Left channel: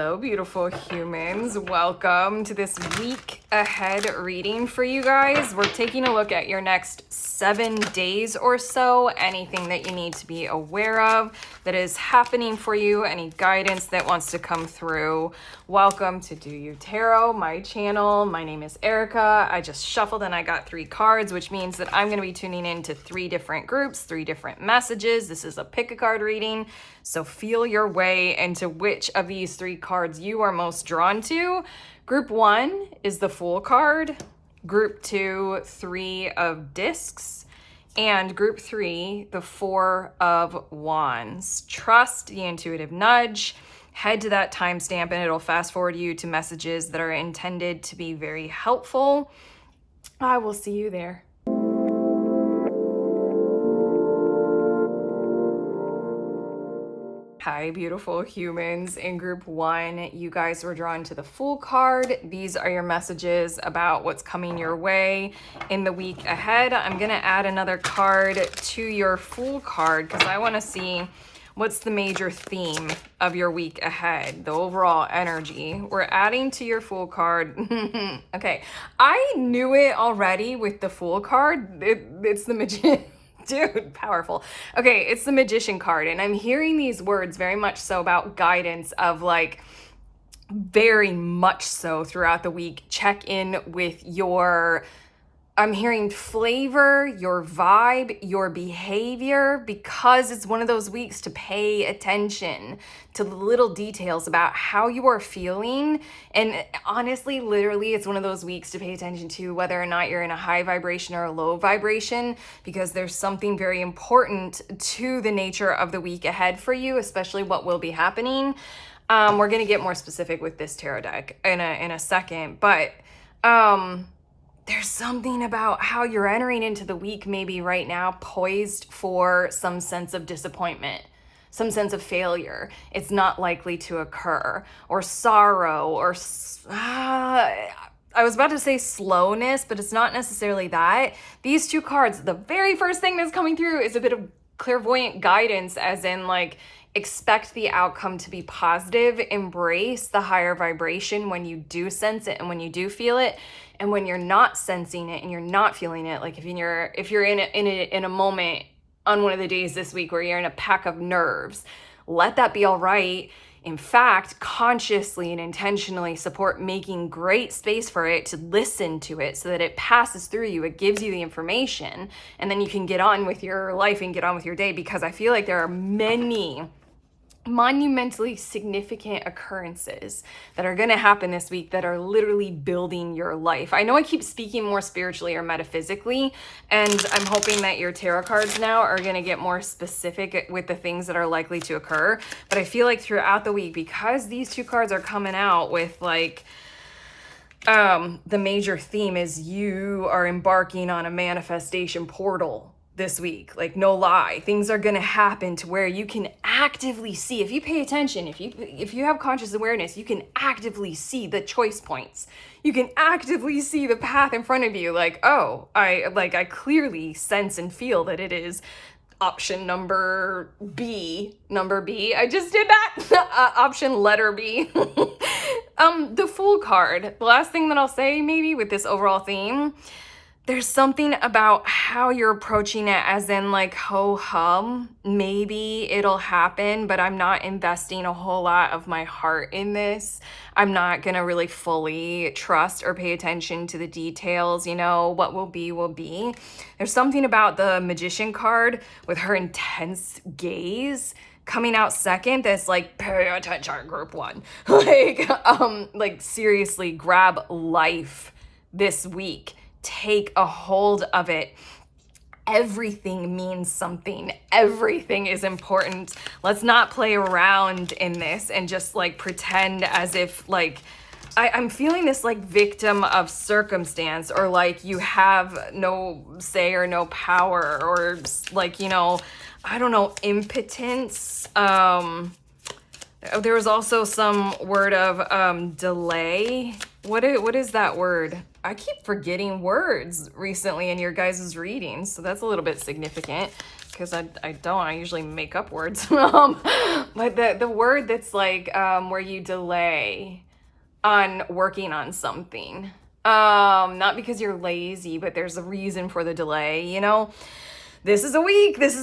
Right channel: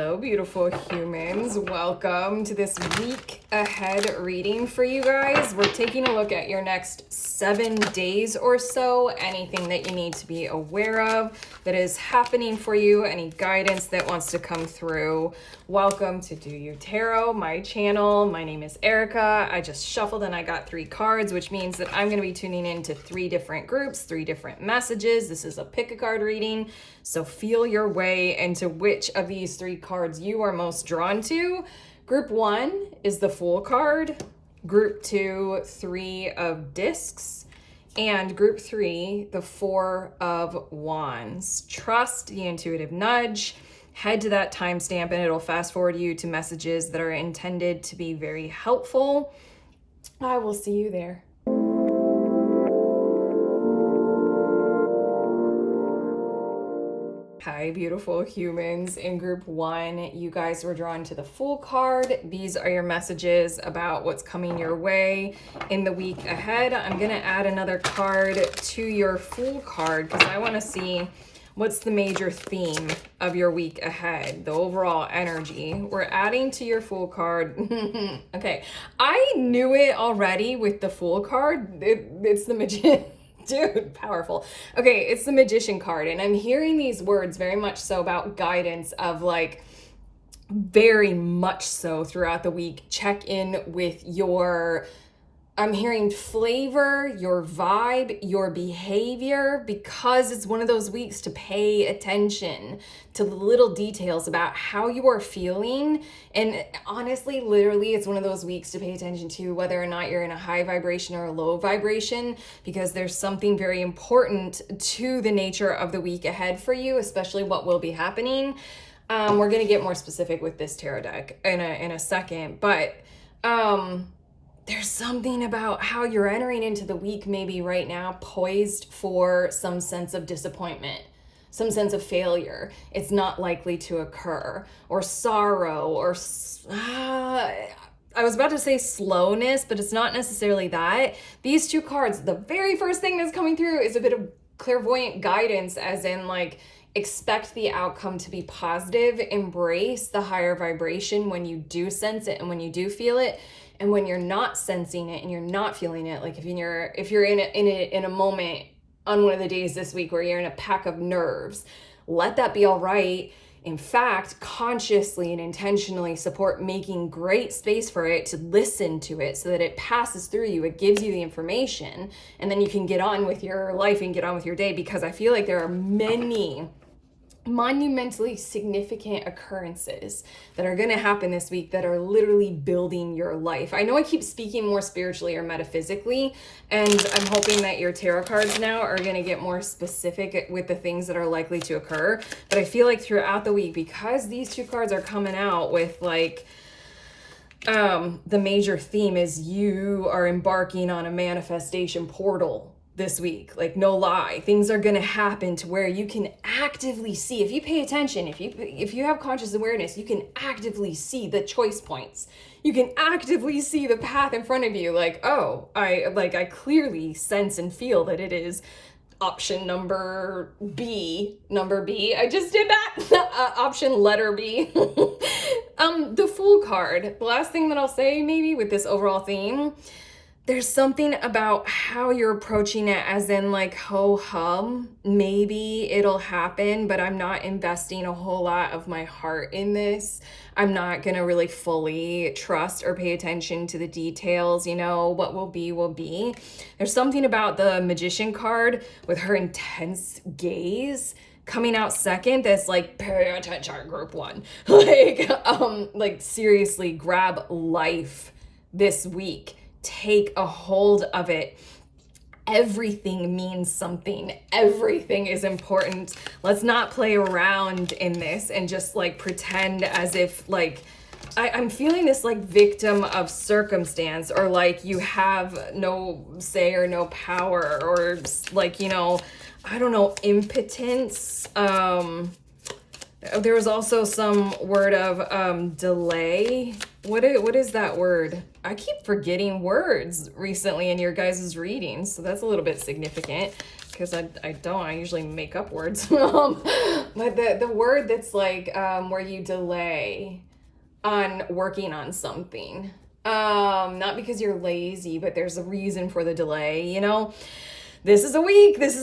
Hello, beautiful humans. Welcome to this week ahead reading for you guys. We're taking a look at your next 7 days or so, anything that you need to be aware of that is happening for you, any guidance that wants to come through. Welcome to Do You Tarot, my channel. My name is Erica. I just shuffled and I got 3 cards, which means that I'm going to be tuning into 3 different groups, 3 different messages. This is a pick a card reading, so feel your way into which of these 3 cards you are most drawn to. Group 1 is the Fool card. Group 2, 3 of Discs, and Group 3, the 4 of Wands. Trust the intuitive nudge. Head to that timestamp and it'll fast forward you to messages that are intended to be very helpful. I will see you there. Hi, beautiful humans. In group 1, you guys were drawn to the Fool card. These are your messages about what's coming your way in the week ahead. I'm going to add another card to your Fool card because I want to see what's the major theme of your week ahead, the overall energy. We're adding to your Fool card. Okay, I knew it already with the Fool card. It's the Magician. Dude, powerful. Okay, it's the Magician card, and I'm hearing these words very much so about guidance of like very much so throughout the week. Check in with your, I'm hearing flavor, your vibe, your behavior, because it's one of those weeks to pay attention to the little details about how you are feeling. And honestly, literally, it's one of those weeks to pay attention to whether or not you're in a high vibration or a low vibration, because there's something very important to the nature of the week ahead for you, especially what will be happening. We're going to get more specific with this tarot deck in a second, but there's something about how you're entering into the week maybe right now poised for some sense of disappointment, some sense of failure. It's not likely to occur, or sorrow, or I was about to say slowness, but it's not necessarily that. These 2 cards, the very first thing that's coming through is a bit of clairvoyant guidance, as in like, expect the outcome to be positive, embrace the higher vibration when you do sense it and when you do feel it. And when you're not sensing it and you're not feeling it, like if you're in a moment on one of the days this week where you're in a pack of nerves, let that be all right. In fact, consciously and intentionally support making great space for it, to listen to it so that it passes through you. It gives you the information, and then you can get on with your life and get on with your day, because I feel like there are many monumentally significant occurrences that are going to happen this week that are literally building your life. I know I keep speaking more spiritually or metaphysically, and I'm hoping that your tarot cards now are going to get more specific with the things that are likely to occur. But I feel like throughout the week, because these 2 cards are coming out with like the major theme is you are embarking on a manifestation portal this week. Like, no lie, things are going to happen to where you can actively see, if you pay attention, if you have conscious awareness, you can actively see the choice points. You can actively see the path in front of you. Like, oh, I clearly sense and feel that it is option number B. I just did that. Option letter B. The Fool card. The last thing that I'll say maybe with this overall theme, there's something about how you're approaching it, as in like, ho hum, maybe it'll happen, but I'm not investing a whole lot of my heart in this. I'm not gonna really fully trust or pay attention to the details. You know, what will be, will be. There's something about the Magician card with her intense gaze coming out second that's like, pay attention, group 1. Like seriously, grab life this week. Take a hold of it. Everything means something. Everything is important. Let's not play around in this and just like pretend as if like, I'm feeling this like victim of circumstance, or like you have no say or no power, or like, you know, I don't know, impotence. There was also some word of delay. What is that word? I keep forgetting words recently in your guys' readings, so that's a little bit significant. because I usually make up words. But the word that's like where you delay on working on something. Not because you're lazy, but there's a reason for the delay, you know? This is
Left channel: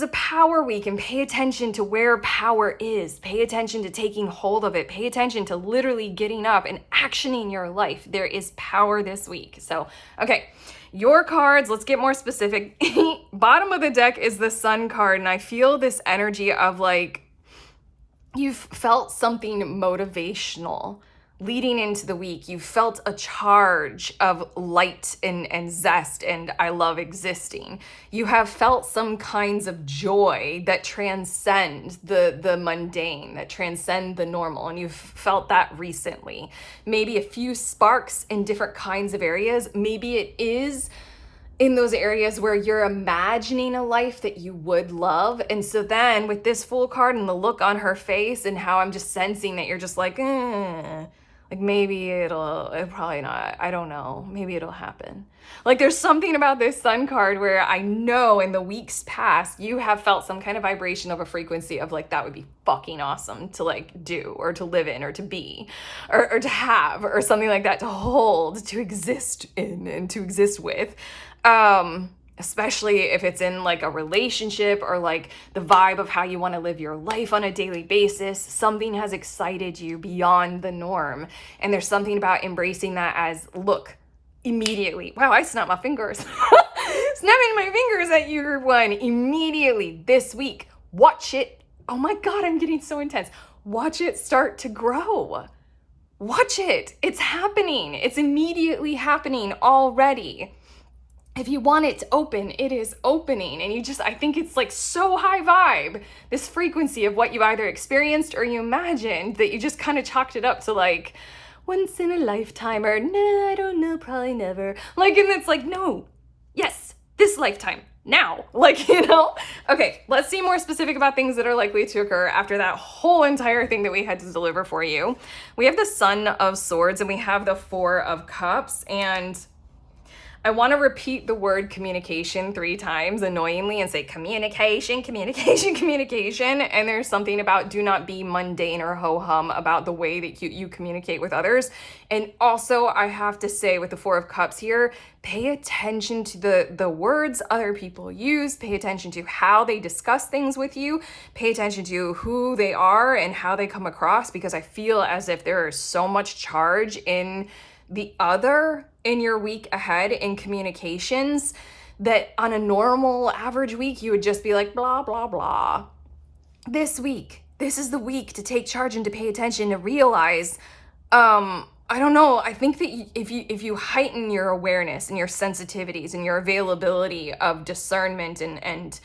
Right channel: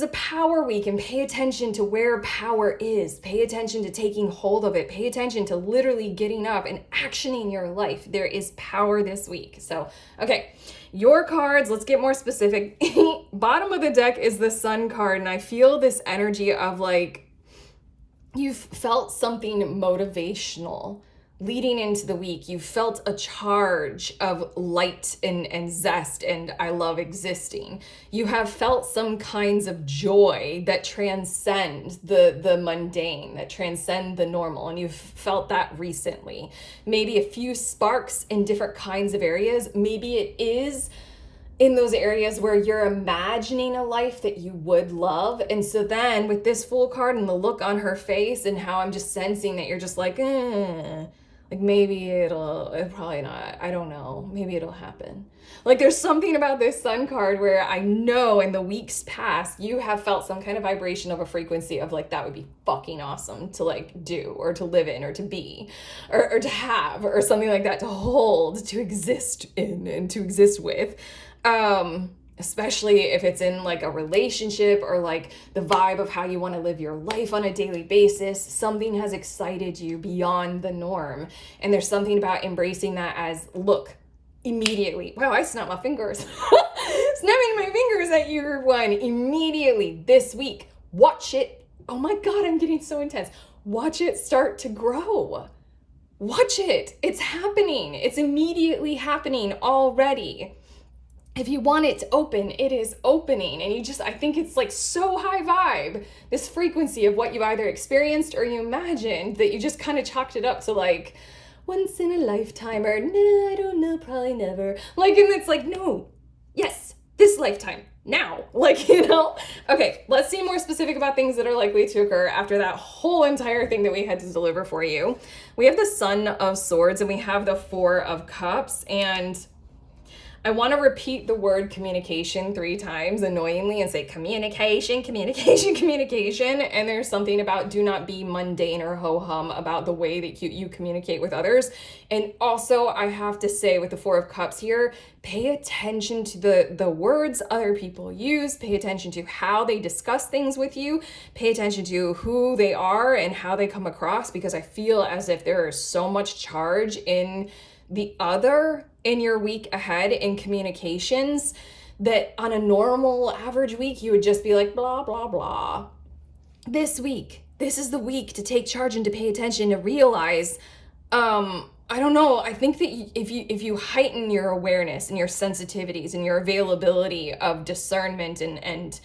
a power week, and pay attention to where power is. Pay attention to taking hold of it. Pay attention to literally getting up and actioning your life. There is power this week. So, okay, your cards, let's get more specific. Bottom of the deck is the Sun card, and I feel this energy of like, you've felt something motivational leading into the week. You felt a charge of light and zest and I love existing. You have felt some kinds of joy that transcend the mundane, that transcend the normal, and you've felt that recently. Maybe a few sparks in different kinds of areas. Maybe it is in those areas where you're imagining a life that you would love. And so then with this Fool card and the look on her face and how I'm just sensing that you're just like maybe it'll probably not, I don't know, maybe it'll happen. Like there's something about this Sun card where I know in the weeks past you have felt some kind of vibration of a frequency of like, that would be fucking awesome to like do or to live in or to be or to have or something like that, to hold, to exist in and to exist with. Especially if it's in like a relationship or like the vibe of how you want to live your life on a daily basis. Something has excited you beyond the norm. And there's something about embracing that as, look, immediately. Wow, I snapped my fingers. Snapping my fingers at your one immediately this week. Watch it. Oh my God, I'm getting so intense. Watch it start to grow. Watch it. It's happening. It's immediately happening already. If you want it to open, it is opening. And I think it's like so high vibe, this frequency of what you either experienced or you imagined, that you just kind of chalked it up to like once in a lifetime or no, I don't know, probably never. Like, and it's like, no, yes, this lifetime, now. Like, you know? Okay, let's see more specific about things that are likely to occur after that whole entire thing that we had to deliver for you. We have the Son of Swords and we have the Four of Cups, and I want to repeat the word communication 3 times annoyingly and say communication, communication, communication. And there's something about do not be mundane or ho-hum about the way that you communicate with others. And also I have to say with the Four of Cups here, pay attention to the words other people use, pay attention to how they discuss things with you, pay attention to who they are and how they come across, because I feel as if there is so much charge in the other in your week ahead in communications that on a normal average week you would just be like blah blah blah. This week, this is the week to take charge and to pay attention, to realize I don't know, I think that if you heighten your awareness and your sensitivities and your availability of discernment and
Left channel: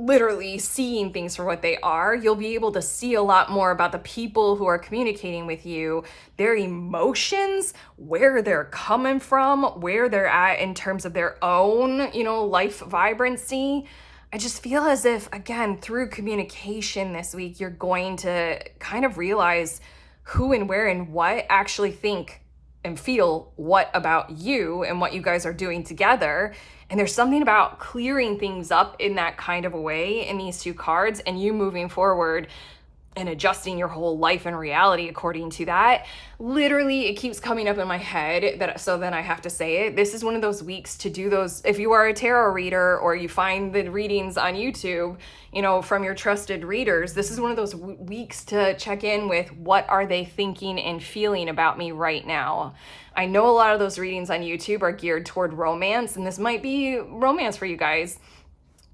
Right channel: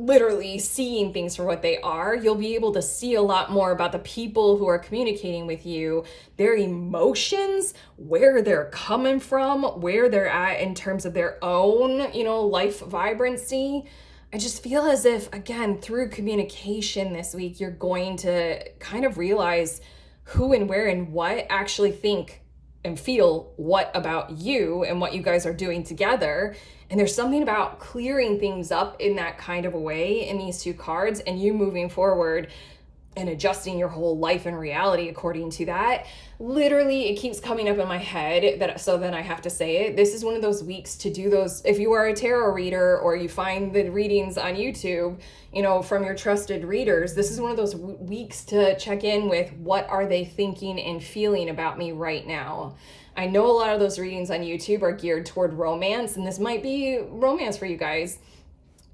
literally seeing things for what they are, you'll be able to see a lot more about the people who are communicating with you, their emotions, where they're coming from, where they're at in terms of their own, life vibrancy. I just feel as if, again, through communication this week, you're going to kind of realize who and where and what actually think and feel what about you and what you guys are doing together. And there's something about clearing things up in that kind of a way in these 2 cards, and you moving forward and adjusting your whole life and reality according to that. Literally, it keeps coming up in my head, so then I have to say it. This is one of those weeks to do those. If you are a tarot reader or you find the readings on YouTube, from your trusted readers, this is one of those weeks to check in with what are they thinking and feeling about me right now. I know a lot of those readings on YouTube are geared toward romance, and this might be romance for you guys.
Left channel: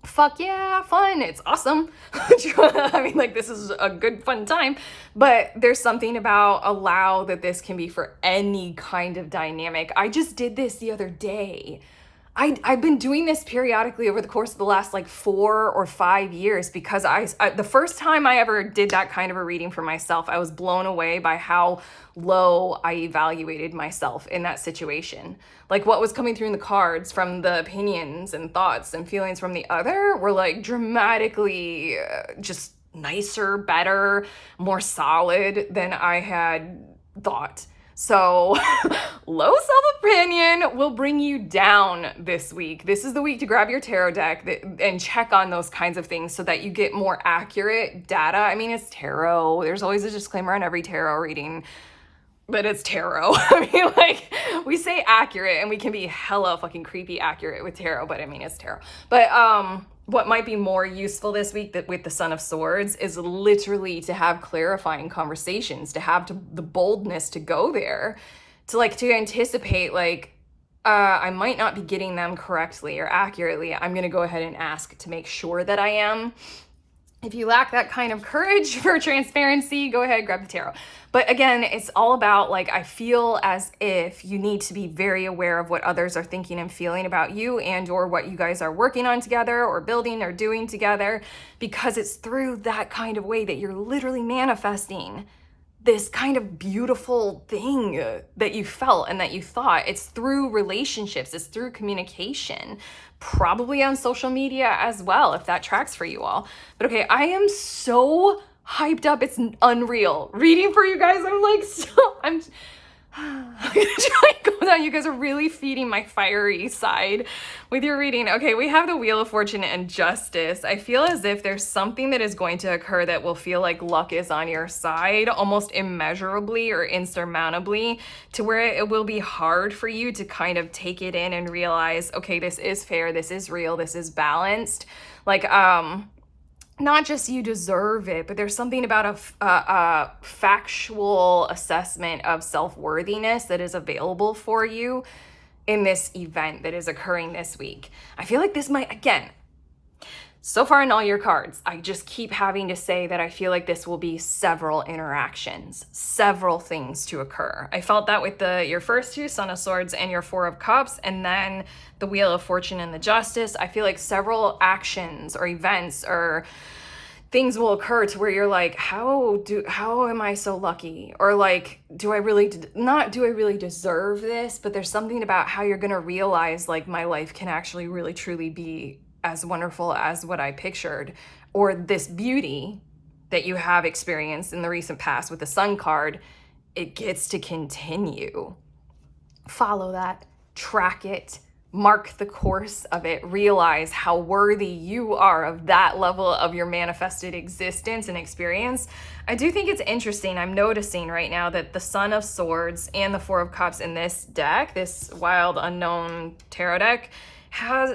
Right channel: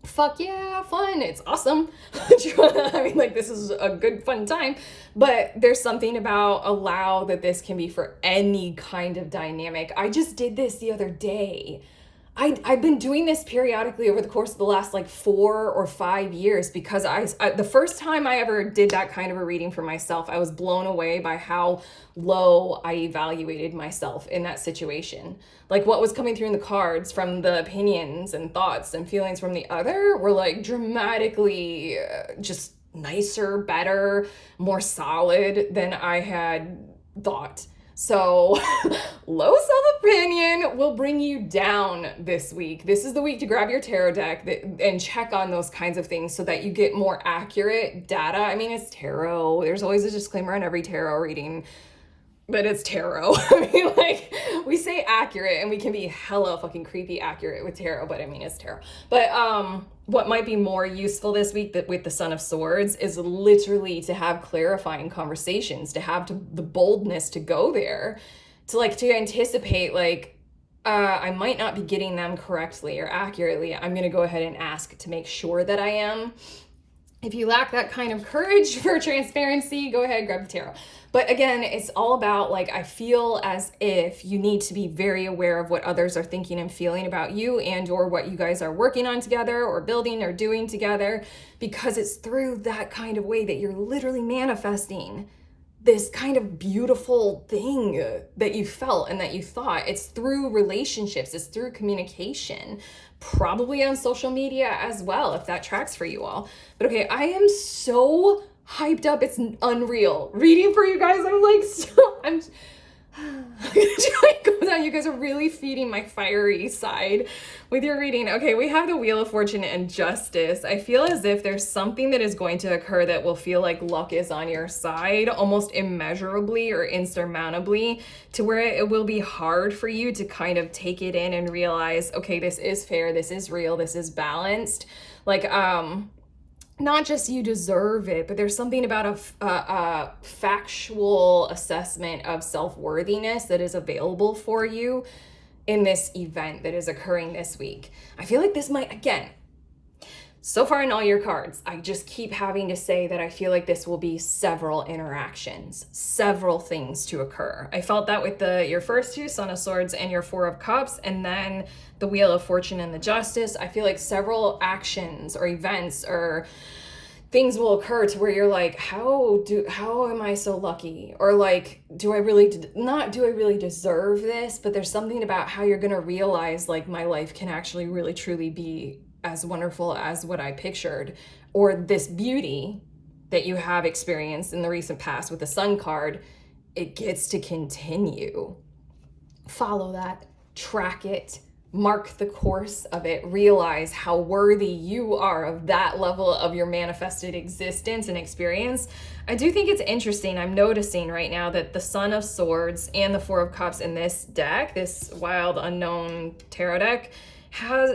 Fuck yeah, fun, it's awesome. I mean, like, this is a good fun time, but there's something about allow that this can be for any kind of dynamic. I just did this the other day. I've been doing this periodically over the course of the last like 4 or 5 years, because I the first time I ever did that kind of a reading for myself, I was blown away by how low I evaluated myself in that situation. Like what was coming through in the cards from the opinions and thoughts and feelings from the other were like dramatically just nicer, better, more solid than I had thought. So low self-opinion will bring you down this week. This is the week to grab your tarot deck and check on those kinds of things so that you get more accurate data. I mean, it's tarot. There's always a disclaimer on every tarot reading, but it's tarot. I mean, like, we say accurate and we can be hella fucking creepy accurate with tarot, but I mean, it's tarot. But what might be more useful this week that with the Son of Swords is literally to have clarifying conversations, to have the boldness to go there, to anticipate, like, I might not be getting them correctly or accurately. I'm gonna go ahead and ask to make sure that I am. If you lack that kind of courage for transparency, go ahead, grab the tarot. But again, it's all about, like, I feel as if you need to be very aware of what others are thinking and feeling about you and or what you guys are working on together or building or doing together, because it's through that kind of way that you're literally manifesting this kind of beautiful thing that you felt and that you thought. It's through relationships, it's through communication, probably on social media as well, if that tracks for you all. But okay, I am so hyped up, it's unreal. Reading for you guys, I'm gonna try and go down. You guys are really feeding my fiery side with your reading. Okay, we have the Wheel of Fortune and Justice. I feel as if there's something that is going to occur that will feel like luck is on your side, almost immeasurably or insurmountably, to where it will be hard for you to kind of take it in and realize, okay, this is fair, this is real, this is balanced. Like, not just you deserve it, but there's something about a factual assessment of self-worthiness that is available for you in this event that is occurring this week. I feel like this might, again, so far in all your cards, I just keep having to say that I feel like this will be several interactions, several things to occur. I felt that with your first two, Son of Swords and your Four of Cups, and then the Wheel of Fortune and the Justice. I feel like several actions or events or things will occur to where you're like, how am I so lucky? Or like, do I really deserve this? But there's something about how you're gonna realize, like, my life can actually really truly be as wonderful as what I pictured, or this beauty that you have experienced in the recent past with the Sun card, it gets to continue. Follow that, track it, mark the course of it, realize how worthy you are of that level of your manifested existence and experience. I do think it's interesting. I'm noticing right now that the Son of Swords and the Four of Cups in this deck, this wild unknown tarot deck,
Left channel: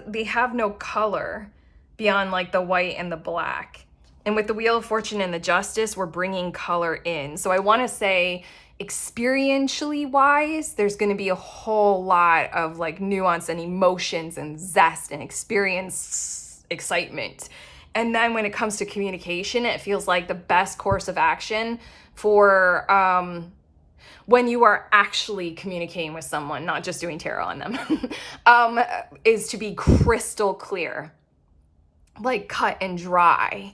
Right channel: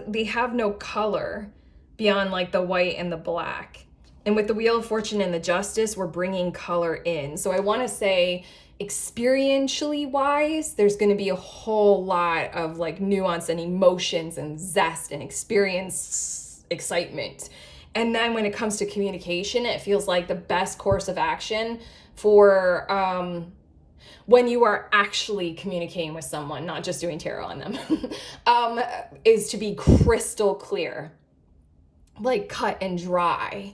they have no color beyond like the white and the black. And with the Wheel of Fortune and the Justice, we're bringing color in. So I want to say, experientially wise, there's going to be a whole lot of like nuance and emotions and zest and experience, excitement. And then when it comes to communication, it feels like the best course of action for when you are actually communicating with someone, not just doing tarot on them, is to be crystal clear, like cut and dry.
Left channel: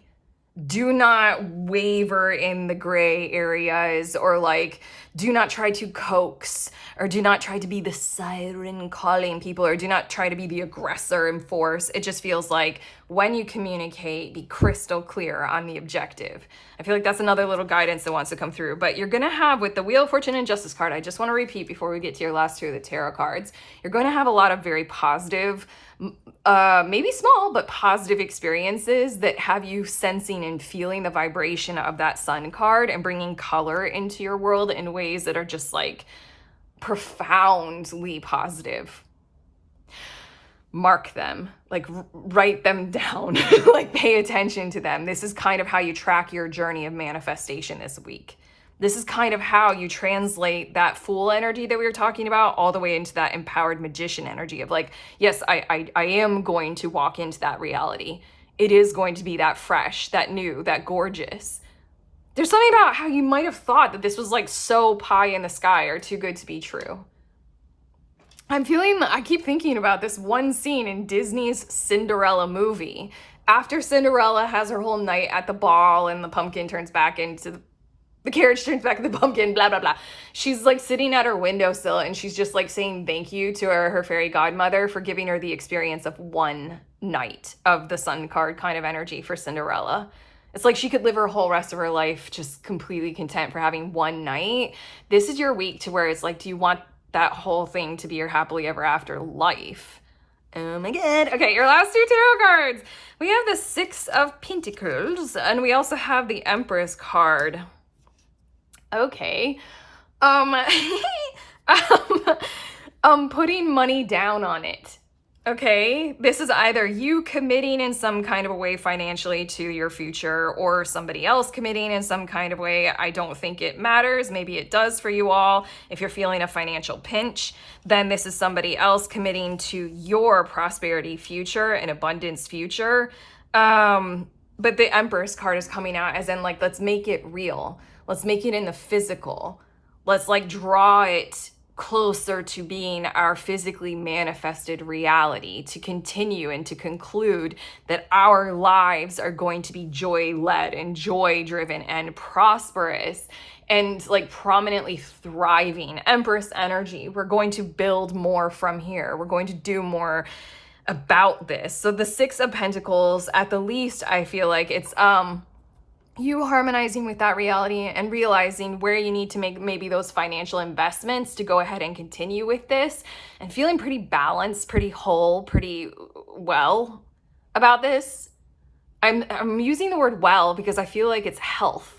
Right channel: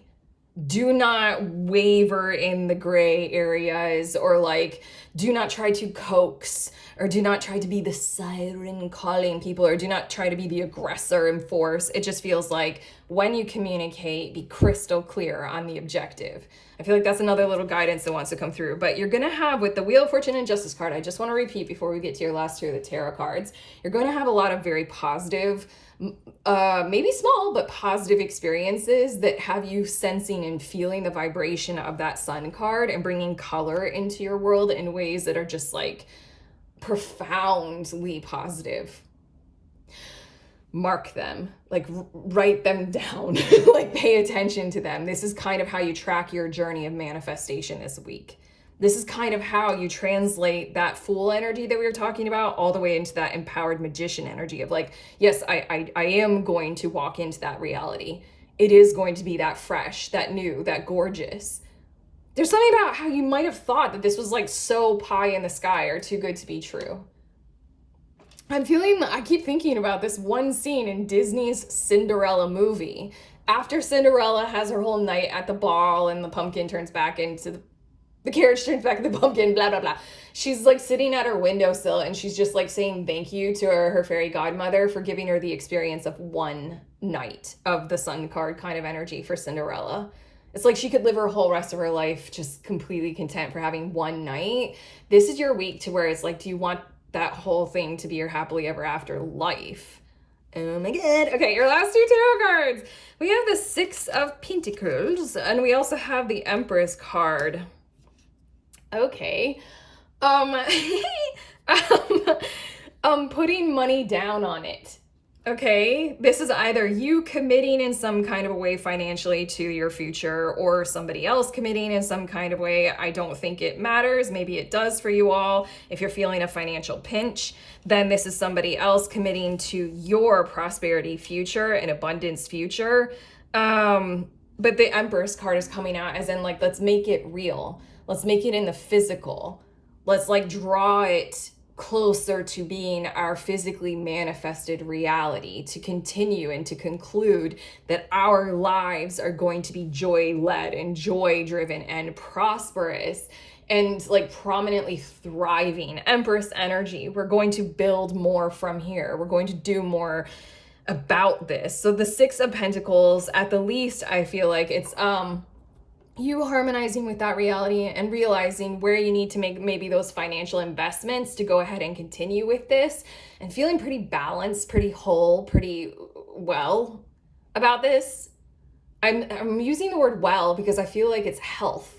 Do not waver in the gray areas, or like, do not try to coax, or do not try to be the siren calling people, or do not try to be the aggressor in force. It just feels like when you communicate, be crystal clear on the objective. I feel like that's another little guidance that wants to come through. But you're gonna have, with the Wheel of Fortune and Justice card, I just want to repeat before we get to your last two of the tarot cards, you're going to have a lot of very positive, maybe small, but positive experiences that have you sensing and feeling the vibration of that Sun card and bringing color into your world in ways that are just like profoundly positive. Mark them, like write them down, like pay attention to them. This is kind of how you track your journey of manifestation this week. This is kind of how you translate that Fool energy that we were talking about all the way into that empowered magician energy of like, yes, I am going to walk into that reality. It is going to be that fresh, that new, that gorgeous. There's something about how you might have thought that this was like so pie in the sky or too good to be true. I keep thinking about this one scene in Disney's Cinderella movie. After Cinderella has her whole night at the ball and the pumpkin turns back into the carriage turns back into the pumpkin, blah, blah, blah. She's like sitting at her windowsill and she's just like saying thank you to her fairy godmother for giving her the experience of one night of the Sun card kind of energy for Cinderella. It's like she could live her whole rest of her life just completely content for having one night. This is your week to where it's like, do you want that whole thing to be your happily ever after life? Oh my god. Okay, your last two tarot cards. We have the Six of Pentacles, and we also have the Empress card. Okay. Putting money down on it. Okay, this is either you committing in some kind of a way financially to your future, or somebody else committing in some kind of way. I don't think it matters. Maybe it does for you all. If you're feeling a financial pinch, then this is somebody else committing to your prosperity future and abundance future. But the Empress card is coming out as in like, let's make it real. Let's make it in the physical. Let's like draw it closer to being our physically manifested reality, to continue and to conclude that our lives are going to be joy-led and joy-driven and prosperous and like prominently thriving. Empress energy. We're going to build more from here. We're going to do more about this. So the Six of Pentacles, at the least, I feel like it's you harmonizing with that reality and realizing where you need to make maybe those financial investments to go ahead and continue with this, and feeling pretty balanced, pretty whole, pretty well about this. I'm using the word well because I feel like it's health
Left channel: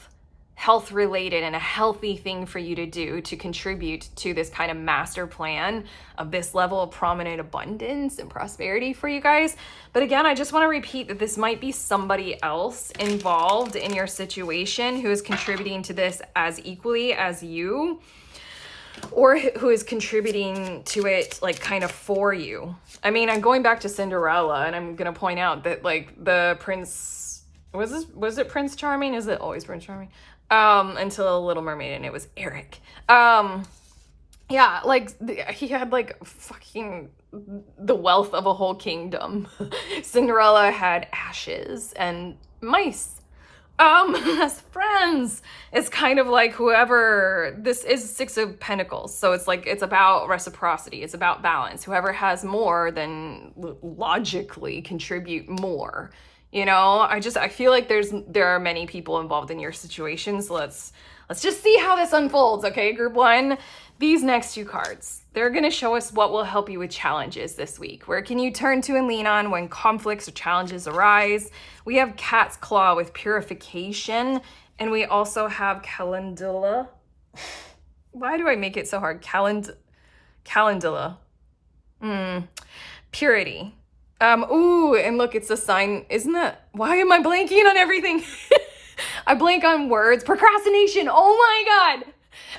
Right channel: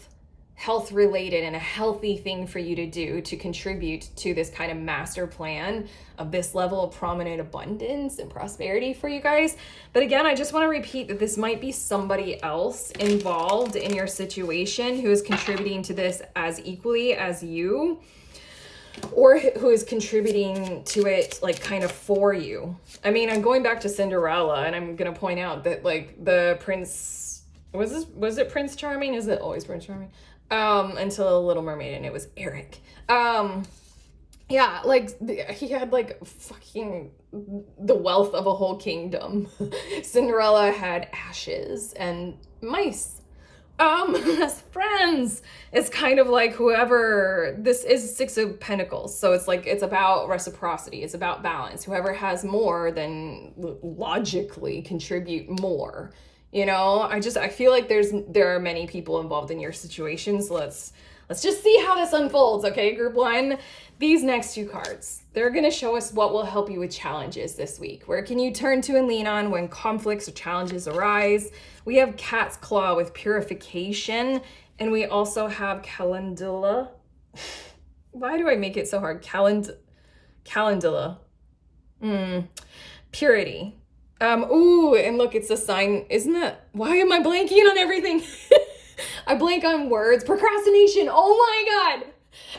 related and a healthy thing for you to do to contribute to this kind of master plan of this level of prominent abundance and prosperity for you guys. But again, I just want to repeat that this might be somebody else involved in your situation who is contributing to this as equally as you, or who is contributing to it like kind of for you. I mean, I'm going back to Cinderella, and I'm going to point out that like the prince, was it Prince Charming? Is it always Prince Charming? Until Little Mermaid, and it was Eric. Yeah, like he had like fucking the wealth of a whole kingdom. Cinderella had ashes and mice as friends. It's kind of like whoever, this is Six of Pentacles, so it's like it's about reciprocity, it's about balance. Whoever has more then logically contribute more. You know, I feel like there are many people involved in your situation. So let's just see how this unfolds, okay, group one? These next two cards, they're going to show us what will help you with challenges this week. Where can you turn to and lean on when conflicts or challenges arise? We have Cat's Claw with purification, and we also have Calendula. Why do I make it so hard? Calendula. Purity. Ooh, and look, it's a sign, isn't that, why am I blanking on everything? I blank on words. Procrastination. Oh my God.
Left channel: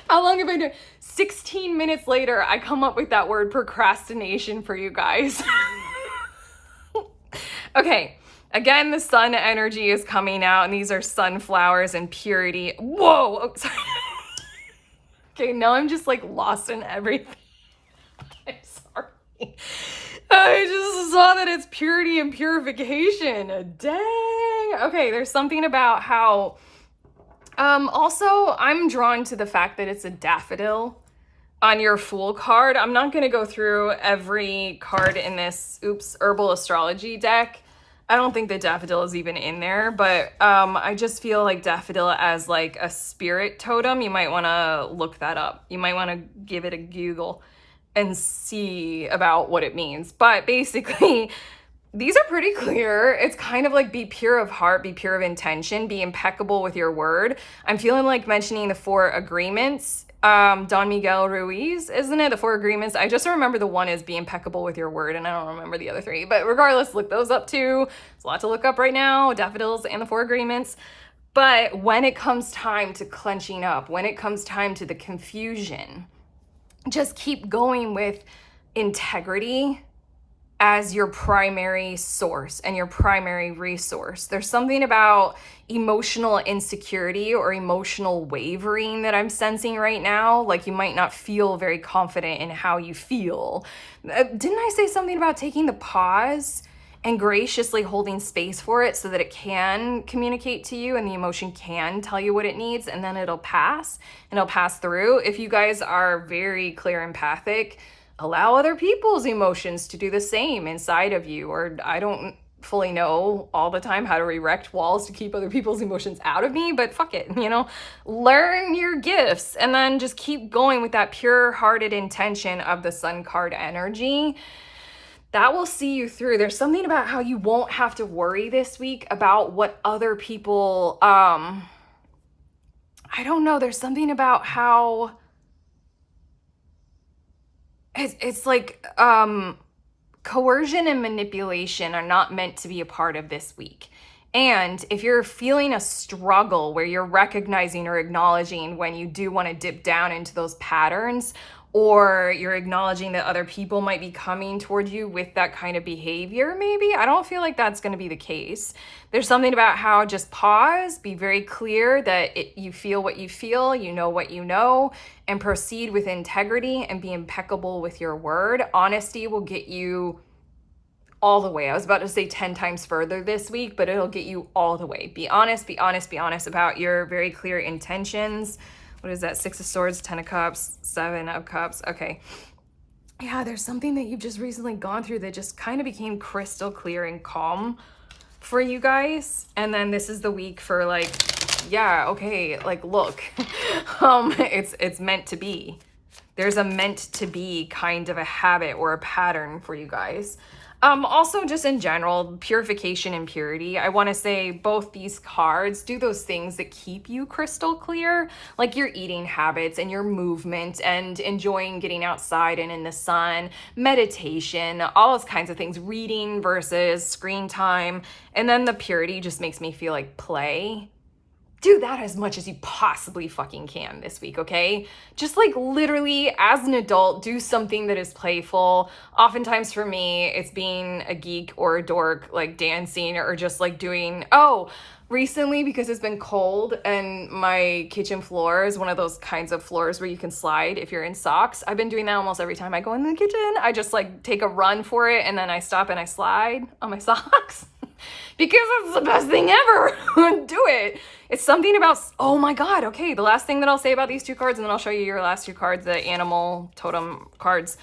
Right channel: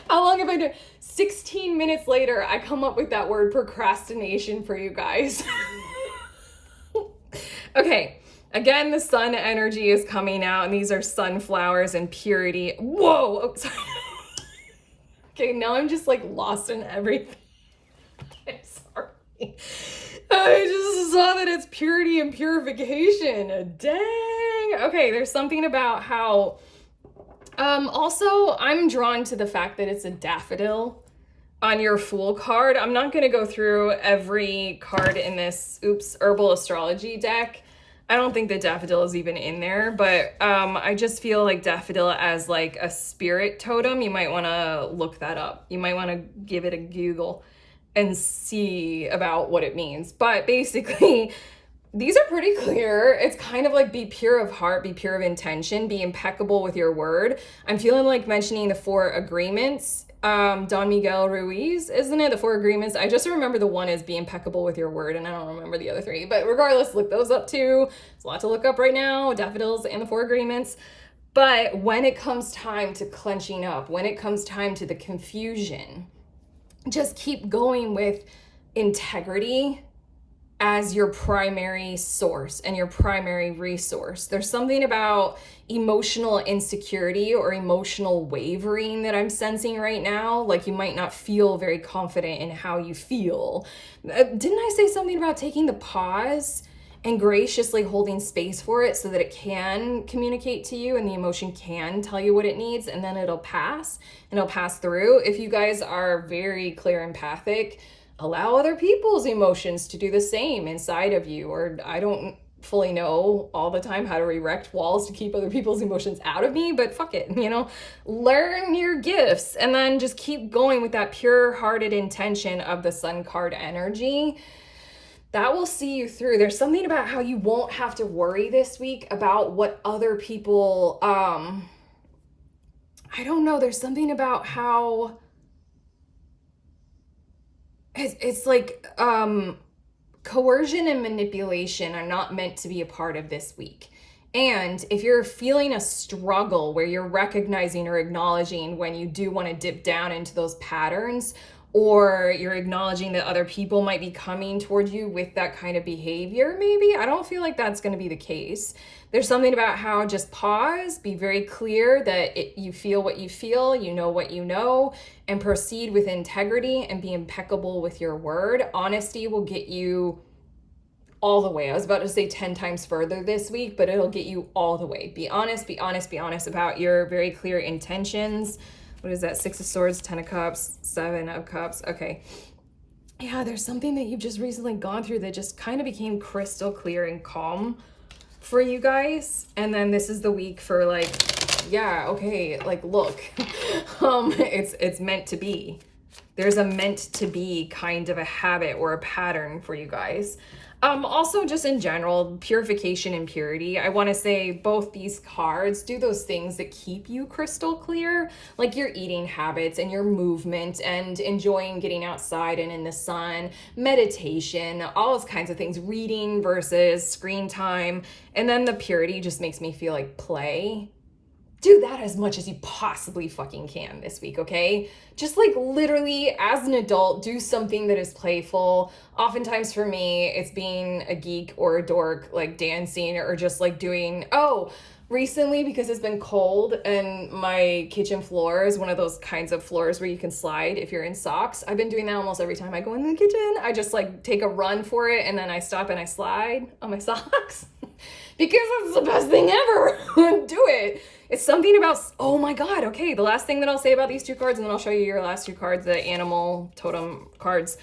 How long have I done? 16 minutes later, I come up with that word procrastination for you guys. Okay. Again, the sun energy is coming out, and these are sunflowers and purity. Whoa. Oh, sorry. Okay. Now I'm just like lost in everything. I'm sorry. I just saw that it's purity and purification. Dang. Okay, there's something about how, also I'm drawn to the fact that it's a daffodil on your Fool card. I'm not going to go through every card in this, herbal astrology deck. I don't think the daffodil is even in there, but I just feel like daffodil as like a spirit totem. You might want to look that up. You might want to give it a Google and see about what it means. But basically, these are pretty clear. It's kind of like be pure of heart, be pure of intention, be impeccable with your word. I'm feeling like mentioning the 4 agreements. Don Miguel Ruiz, isn't it? The 4 agreements. I just remember the one is be impeccable with your word, and I don't remember the other 3. But regardless, look those up too. There's a lot to look up right now. Daffodils and the 4 agreements. But when it comes time to clenching up, when it comes time to the confusion, just keep going with integrity as your primary source and your primary resource. There's something about emotional insecurity or emotional wavering that I'm sensing right now. Like you might not feel very confident in how you feel. Didn't I say something about taking the pause and graciously holding space for it so that it can communicate to you and the emotion can tell you what it needs, and then it'll pass and it'll pass through? If you guys are very clear empathic, allow other people's emotions to do the same inside of you. Or I don't fully know all the time how to erect walls to keep other people's emotions out of me, but fuck it, you know, learn your gifts and then just keep going with that pure-hearted intention of the Sun card energy. That will see you through. There's something about how you won't have to worry this week about what other people, I don't know, there's something about how it's like, coercion and manipulation are not meant to be a part of this week. And if you're feeling a struggle where you're recognizing or acknowledging when you do want to dip down into those patterns, or you're acknowledging that other people might be coming toward you with that kind of behavior, maybe, I don't feel like that's going to be the case. There's something about how just pause, be very clear that you feel what you feel, you know what you know, and proceed with integrity and be impeccable with your word. Honesty will get you all the way. I was about to say 10 times further this week, but it'll get you all the way. Be honest, be honest, be honest about your very clear intentions. What is that? 6 of Swords, 10 of Cups, 7 of Cups. Okay. Yeah, there's something that you've just recently gone through that just kind of became crystal clear and calm for you guys. And then this is the week for like, yeah, okay, like look, it's meant to be. There's a meant to be kind of a habit or a pattern for you guys. Also just in general, purification and purity. I want to say both these cards do those things that keep you crystal clear, like your eating habits and your movement and enjoying getting outside and in the sun, meditation, all those kinds of things, reading versus screen time. And then the purity just makes me feel like play. Do that as much as you possibly fucking can this week, okay? Just like literally as an adult, do something that is playful. Oftentimes for me, it's being a geek or a dork, like dancing or just like doing, recently because it's been cold and my kitchen floor is one of those kinds of floors where you can slide if you're in socks. I've been doing that almost every time I go in the kitchen. I just like take a run for it and then I stop and I slide on my socks because it's the best thing ever. Do it. It's something about, oh my God, okay, the last thing that I'll say about these two cards, and then I'll show you your last two cards, the animal totem cards.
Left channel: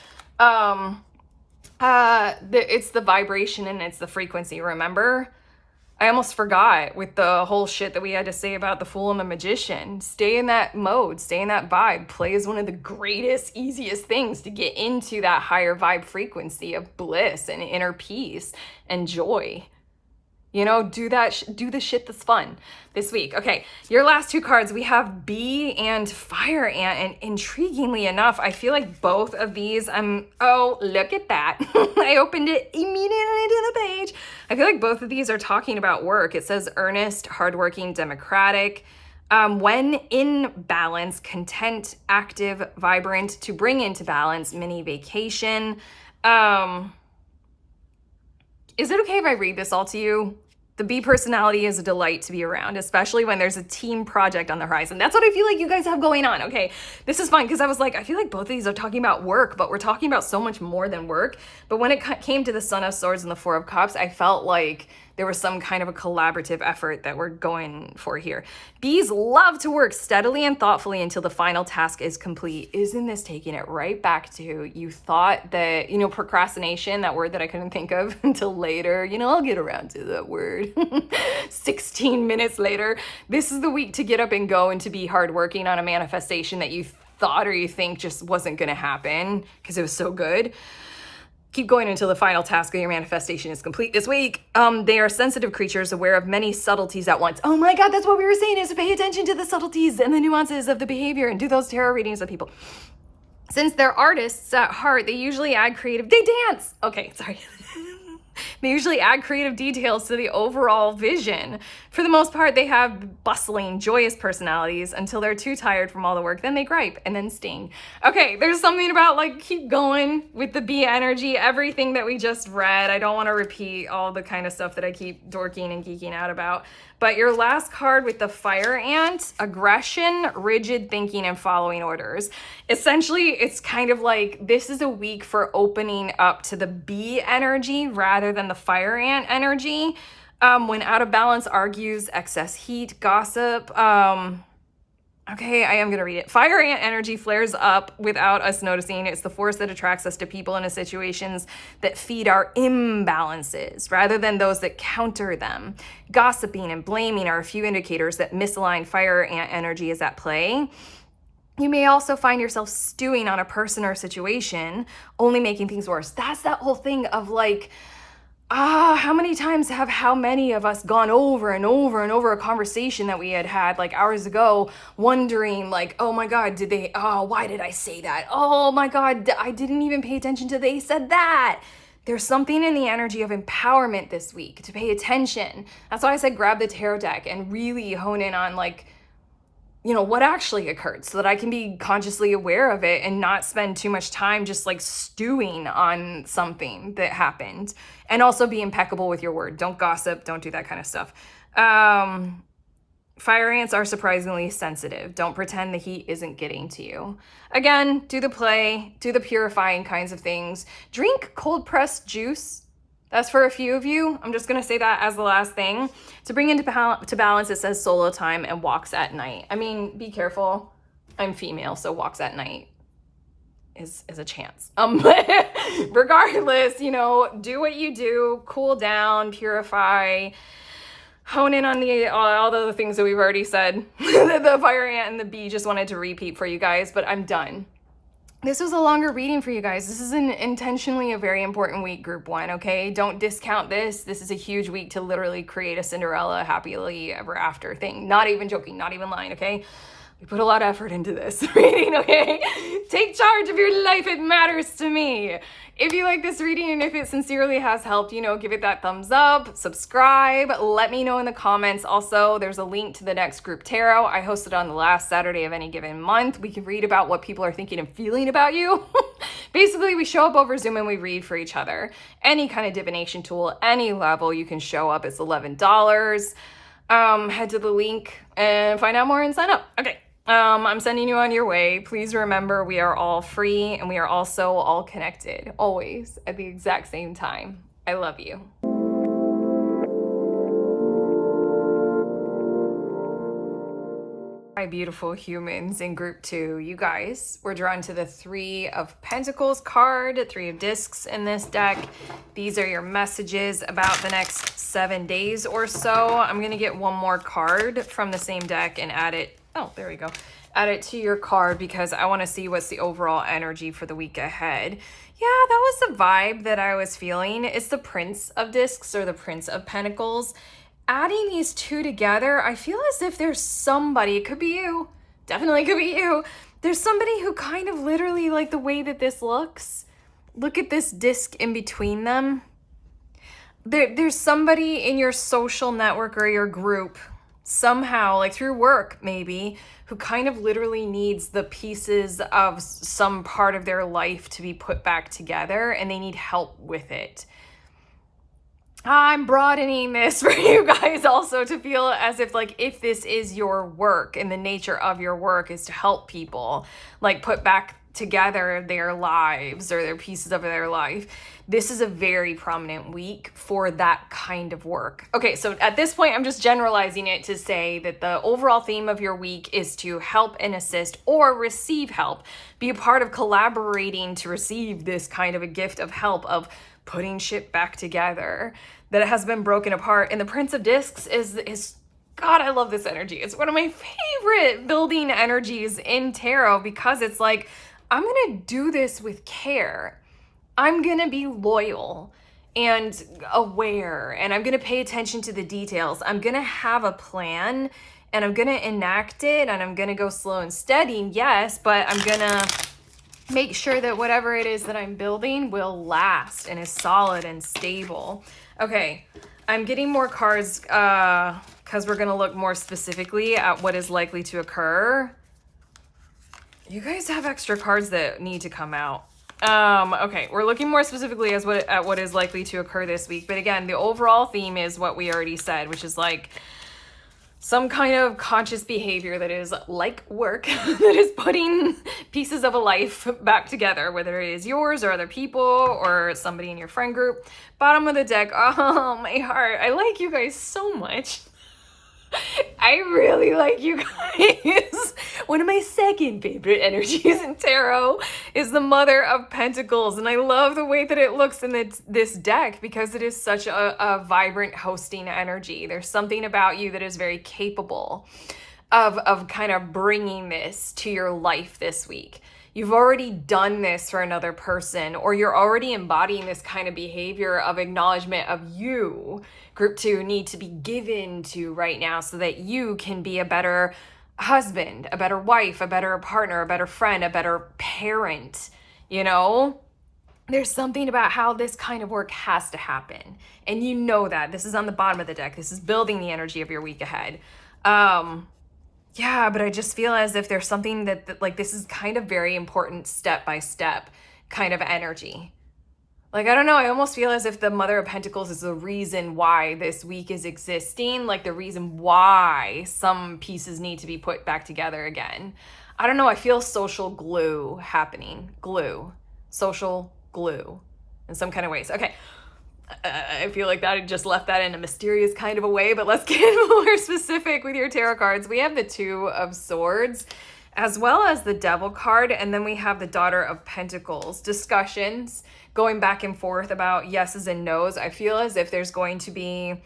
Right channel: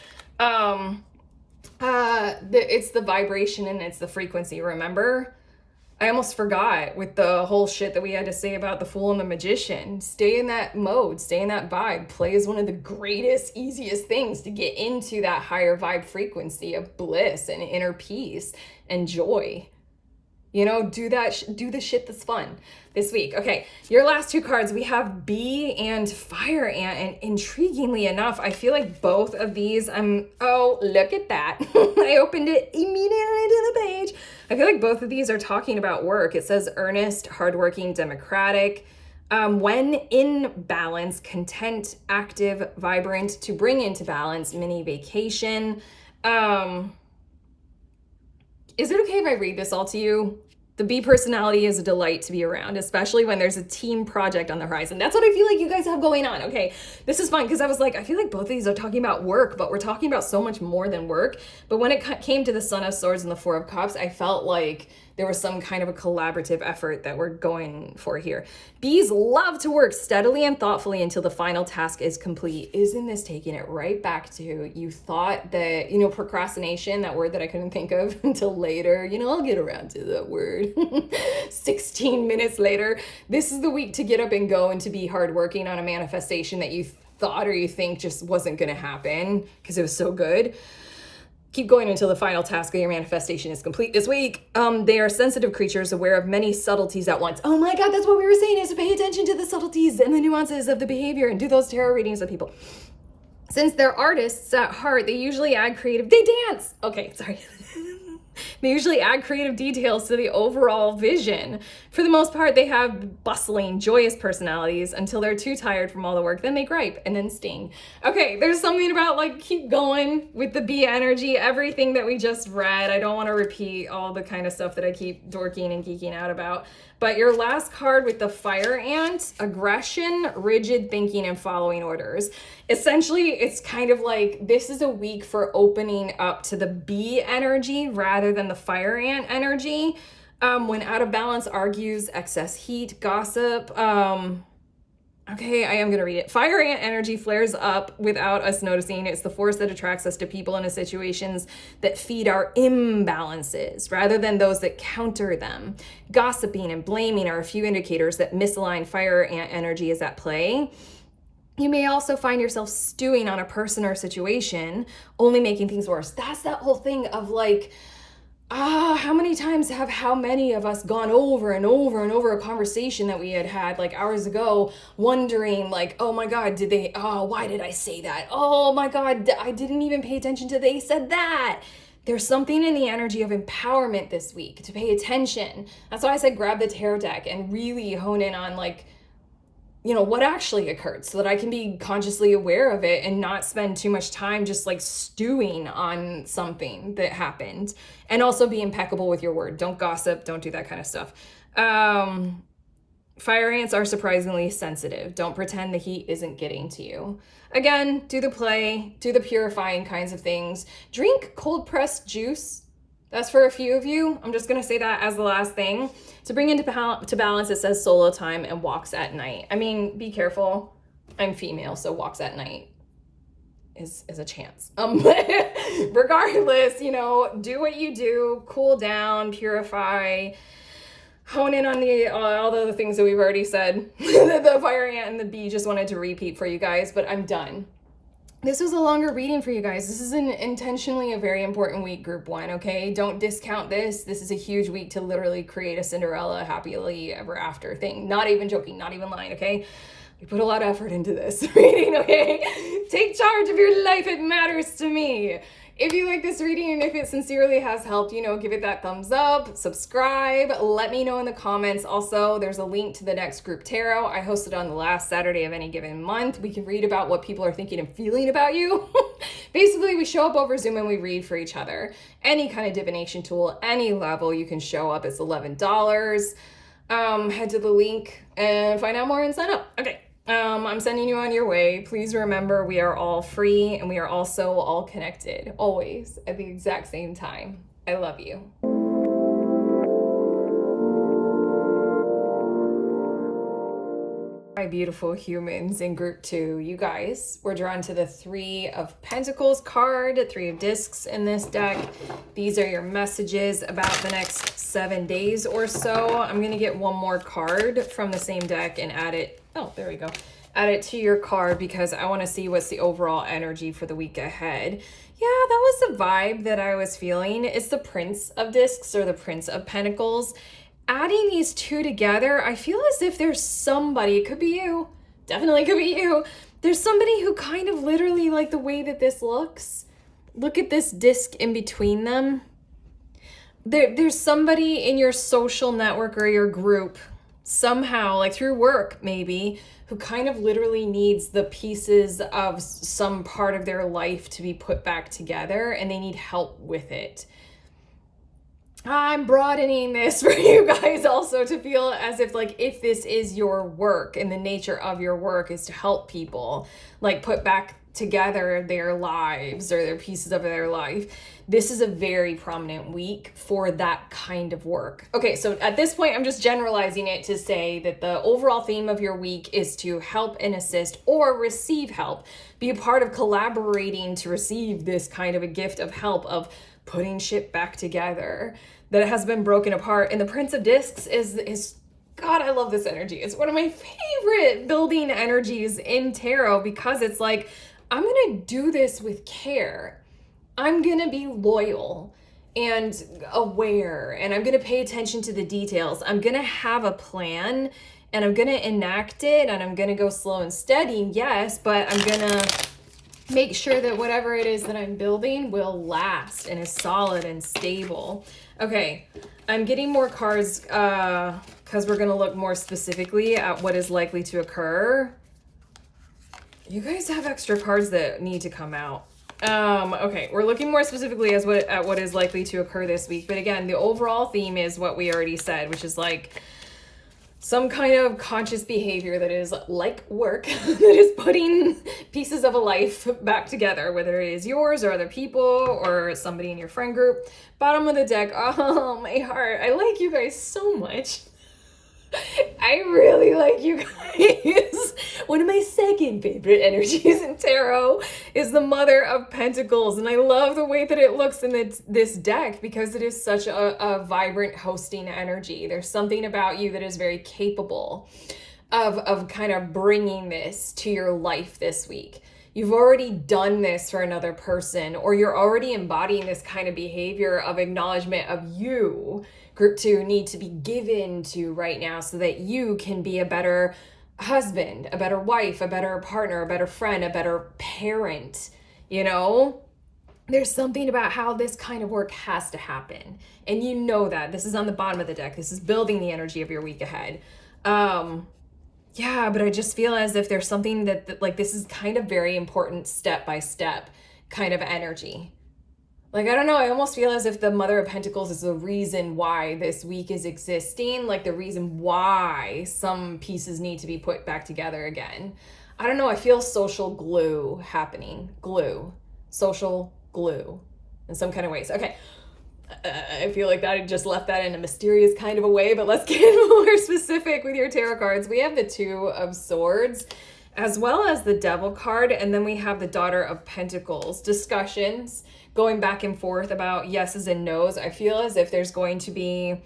It's the vibration and it's the frequency, remember? I almost forgot with the whole shit that we had to say about the Fool and the Magician. Stay in that mode, stay in that vibe. Play is one of the greatest, easiest things to get into that higher vibe frequency of bliss and inner peace and joy. You know, do that, do the shit that's fun this week. Okay, your last two cards, we have Bee and Fire Ant, and intriguingly enough, I feel like both of these, oh, look at that. I opened it immediately to the page. I feel like both of these are talking about work. It says earnest, hardworking, democratic, when in balance, content, active, vibrant, to bring into balance, mini vacation. Is it okay if I read this all to you? The Bee personality is a delight to be around, especially when there's a team project on the horizon. That's what I feel like you guys have going on. Okay, this is fun because I was like, I feel like both of these are talking about work, but we're talking about so much more than work. But when it came to the Son of Swords and the Four of Cups, I felt like there was some kind of a collaborative effort that we're going for here. Bees love to work steadily and thoughtfully until the final task is complete. Isn't this taking it right back to, you thought that, you know, procrastination, that word that I couldn't think of until later, you know, I'll get around to that word. 16 minutes later. This is the week to get up and go and to be hardworking on a manifestation that you thought or you think just wasn't going to happen because it was so good. Keep going until the final task of your manifestation is complete this week. They are sensitive creatures aware of many subtleties at once. Oh my God, that's what we were saying, is to pay attention to the subtleties and the nuances of the behavior and do those tarot readings with people. Since they're artists at heart, they usually add creative, they dance. Okay, sorry. They usually add creative details to the overall vision. For the most part, they have bustling, joyous personalities until they're too tired from all the work. Then they gripe and then sting. Okay, there's something about like keep going with the Bee energy, everything that we just read. I don't want to repeat all the kind of stuff that I keep dorking and geeking out about. But your last card with the Fire Ant, aggression, rigid thinking, and following orders. Essentially, it's kind of like this is a week for opening up to the Bee energy rather than the Fire Ant energy. When out of balance, argues, excess heat, gossip, Okay, I am going to read it. Fire ant energy flares up without us noticing. It's the force that attracts us to people and to situations that feed our imbalances rather than those that counter them. Gossiping and blaming are a few indicators that misaligned fire ant energy is at play. You may also find yourself stewing on a person or situation, only making things worse. That's that whole thing of like, how many times have how many of us gone over and over and over a conversation that we had like hours ago, wondering like, oh my God, why did I say that? Oh my God, I didn't even pay attention to they said that. There's something in the energy of empowerment this week to pay attention. That's why I said grab the tarot deck and really hone in on like, what actually occurred so that I can be consciously aware of it and not spend too much time just like stewing on something that happened. And also be impeccable with your word. Don't gossip. Don't do that kind of stuff. Fire ants are surprisingly sensitive. Don't pretend the heat isn't getting to you. Again, do the play, do the purifying kinds of things. Drink cold pressed juice. That's for a few of you. I'm just going to say that as the last thing. To bring into balance, it says solo time and walks at night. I mean, be careful. I'm female, so walks at night is a chance. But regardless, do what you do, cool down, purify, hone in on all the things that we've already said. The fire ant and the bee just wanted to repeat for you guys, but I'm done. This was a longer reading for you guys. This is intentionally a very important week, group one, okay? Don't discount this. This is a huge week to literally create a Cinderella happily ever after thing. Not even joking, not even lying, okay? We put a lot of effort into this reading, okay? Take charge of your life. It matters to me. If you like this reading and if it sincerely has helped, give it that thumbs up, subscribe, let me know in the comments. Also, there's a link to the next group tarot. I hosted on the last Saturday of any given month. We can read about what people are thinking and feeling about you. Basically, we show up over Zoom and we read for each other. Any kind of divination tool, any level, you can show up. It's $11. Head to the link and find out more and sign up. Okay. I'm sending you on your way. Please remember we are all free and we are also all connected, always at the exact same time. I love you. My beautiful humans in group two, you guys were drawn to the Three of Pentacles card, Three of Discs in this deck. These are your messages about the next 7 days or so. I'm going to get one more card from the same deck and add it. Oh, there we go. Add it to your card because I want to see what's the overall energy for the week ahead. Yeah, that was the vibe that I was feeling. It's the Prince of Discs or the Prince of Pentacles. Adding these two together, I feel as if there's somebody, it could be you, definitely could be you. There's somebody who kind of literally like the way that this looks. Look at this disc in between them. There's somebody in your social network or your group somehow, like through work maybe, who kind of literally needs the pieces of some part of their life to be put back together and they need help with it. I'm broadening this for you guys also to feel as if like if this is your work and the nature of your work is to help people like put back together their lives or their pieces of their life, this is a very prominent week for that kind of work. Okay, so at this point, I'm just generalizing it to say that the overall theme of your week is to help and assist or receive help. Be a part of collaborating to receive this kind of a gift of help of putting shit back together that it has been broken apart. And the Prince of Discs is God, I love this energy. It's one of my favorite building energies in tarot because it's like, I'm going to do this with care. I'm going to be loyal and aware, and I'm going to pay attention to the details. I'm going to have a plan, and I'm going to enact it, and I'm going to go slow and steady, yes, but I'm going to make sure that whatever it is that I'm building will last and is solid and stable. Okay, I'm getting more cards because we're going to look more specifically at what is likely to occur. You guys have extra cards that need to come out. Okay, we're looking more specifically at what is likely to occur this week. But again, the overall theme is what we already said, which is like some kind of conscious behavior that is like work, that is putting pieces of a life back together, whether it is yours or other people or somebody in your friend group. Bottom of the deck, oh, my heart. I like you guys so much. I really like you guys. One of my second favorite energies in tarot is the Mother of Pentacles. And I love the way that it looks in this deck because it is such a vibrant hosting energy. There's something about you that is very capable of kind of bringing this to your life this week. You've already done this for another person, or you're already embodying this kind of behavior of acknowledgement of you, group 2, need to be given to right now so that you can be a better husband, a better wife, a better partner, a better friend, a better parent, you know? There's something about how this kind of work has to happen. And you know that. This is on the bottom of the deck. This is building the energy of your week ahead. Yeah, but I just feel as if there's something that like this is kind of very important step by step kind of energy. Like, I don't know, I almost feel as if the Mother of Pentacles is the reason why this week is existing, like the reason why some pieces need to be put back together again. I don't know, I feel social glue happening. Glue. Social glue in some kind of ways. Okay. I feel like that I just left that in a mysterious kind of a way, but let's get more specific with your tarot cards. We have the Two of Swords as well as the Devil card, and then we have the Daughter of Pentacles. Discussions going back and forth about yeses and nos. I feel as if there's going to be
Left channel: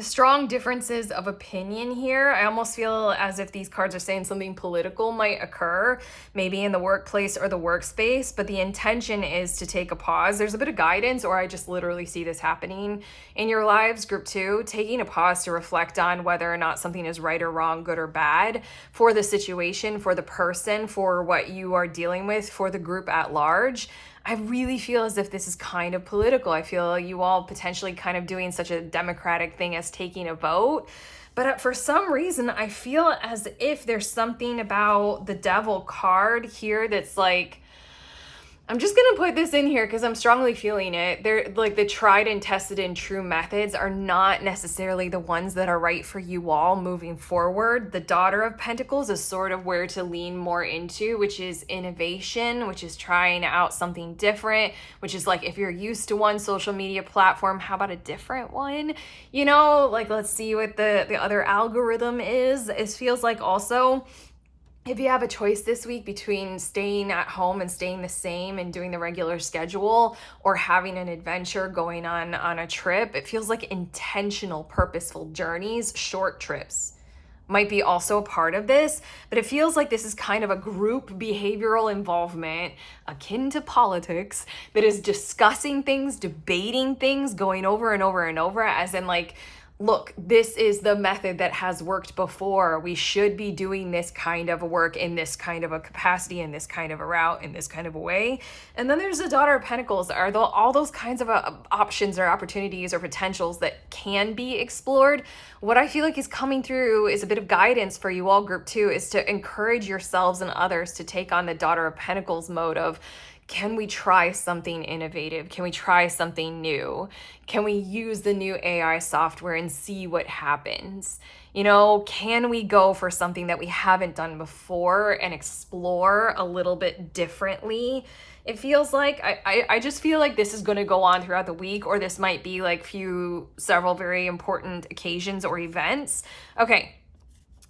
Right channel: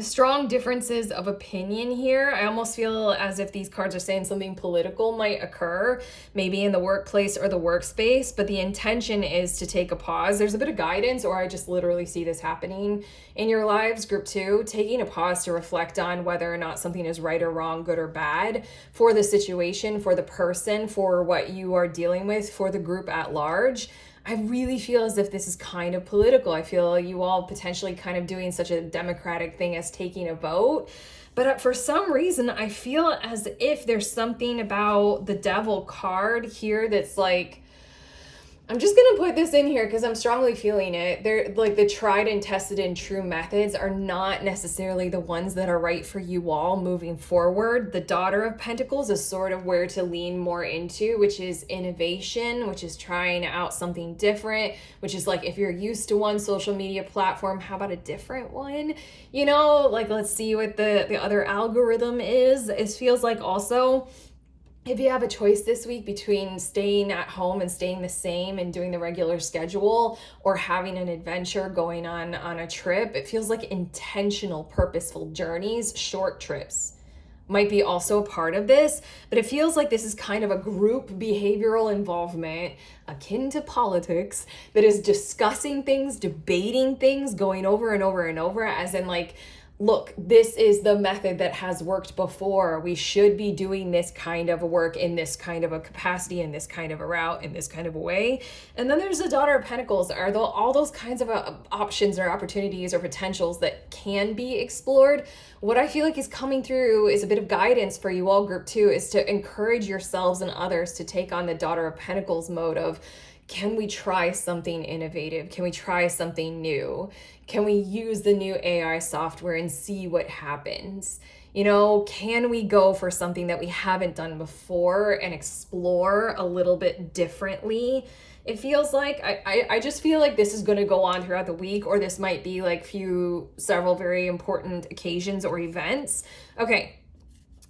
strong differences of opinion here. I almost feel as if these cards are saying something political might occur, maybe in the workplace or the workspace, but the intention is to take a pause. There's a bit of guidance, or I just literally see this happening in your lives, group 2, taking a pause to reflect on whether or not something is right or wrong, good or bad for the situation, for the person, for what you are dealing with, for the group at large. I really feel as if this is kind of political. I feel you all potentially kind of doing such a democratic thing as taking a vote. But for some reason, I feel as if there's something about the Devil card here that's like, I'm just going to put this in here because I'm strongly feeling it. They're like the tried and tested and true methods are not necessarily the ones that are right for you all moving forward. The Daughter of Pentacles is sort of where to lean more into, which is innovation, which is trying out something different, which is like if you're used to one social media platform, how about a different one? You know, like let's see what the other algorithm is. It feels like also, if you have a choice this week between staying at home and staying the same and doing the regular schedule or having an adventure, going on a trip, it feels like intentional, purposeful journeys, short trips might be also a part of this, but it feels like this is kind of a group behavioral involvement akin to politics that is discussing things, debating things, going over and over and over, as in like, look, this is the method that has worked before. We should be doing this kind of work in this kind of a capacity, in this kind of a route, in this kind of a way. And then there's the Daughter of Pentacles. Are all those kinds of options or opportunities or potentials that can be explored? What I feel like is coming through is a bit of guidance for you all, group 2, is to encourage yourselves and others to take on the Daughter of Pentacles mode of, can we try something innovative? Can we try something new? Can we use the new AI software and see what happens? You know, can we go for something that we haven't done before and explore a little bit differently? It feels like, I just feel like this is going to go on throughout the week, or this might be like several very important occasions or events. Okay,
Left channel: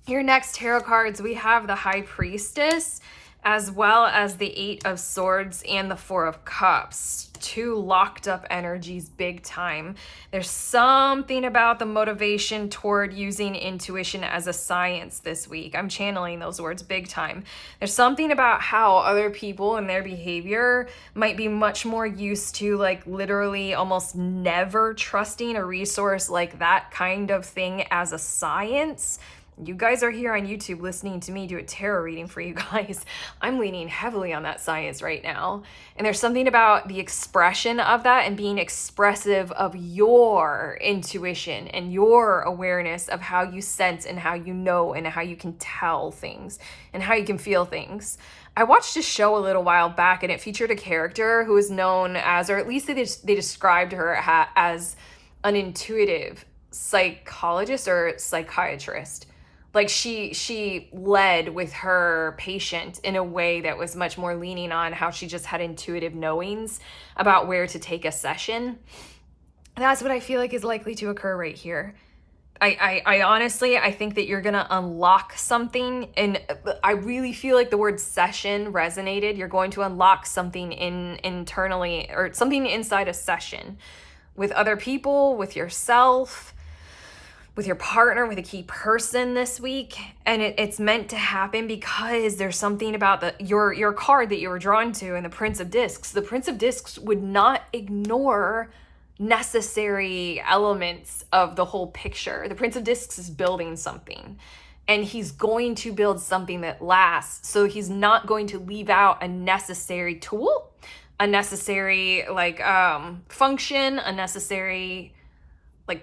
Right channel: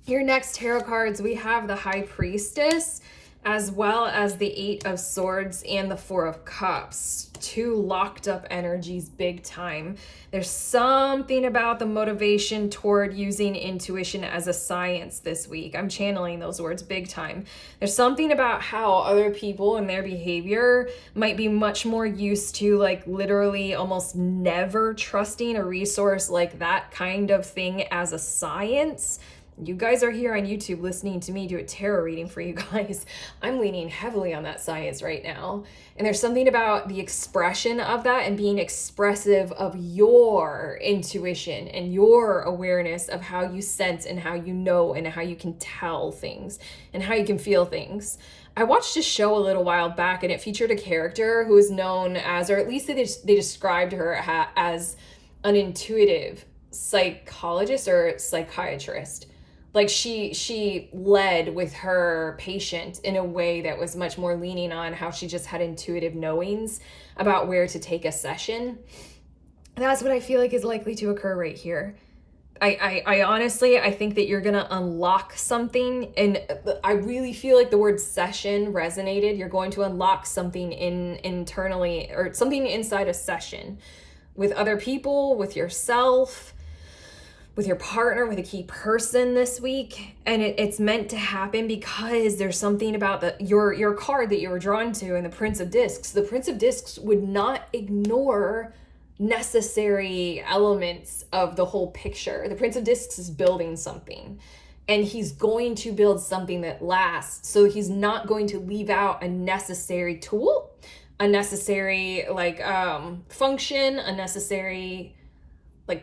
your next tarot cards, we have the High Priestess, as well as the Eight of Swords and the Four of Cups. Two locked up energies big time. There's something about the motivation toward using intuition as a science this week. I'm channeling those words big time. There's something about how other people and their behavior might be much more used to like literally almost never trusting a resource like that kind of thing as a science. You guys are here on YouTube listening to me do a tarot reading for you guys. I'm leaning heavily on that science right now. And there's something about the expression of that and being expressive of your intuition and your awareness of how you sense and how you know and how you can tell things and how you can feel things. I watched a show a little while back and it featured a character who is known as, or at least they described her as an intuitive psychologist or psychiatrist. Like she led with her patient in a way that was much more leaning on how she just had intuitive knowings about where to take a session. That's what I feel like is likely to occur right here. I honestly, I think that you're going to unlock something, and I really feel like the word session resonated. You're going to unlock something internally, or something inside a session with other people, with yourself, with your partner, with a key person this week. And it's meant to happen because there's something about your card that you were drawn to, and the Prince of Discs. The Prince of Discs would not ignore necessary elements of the whole picture. The Prince of Discs is building something, and he's going to build something that lasts. So he's not going to leave out a necessary tool, a necessary function, a necessary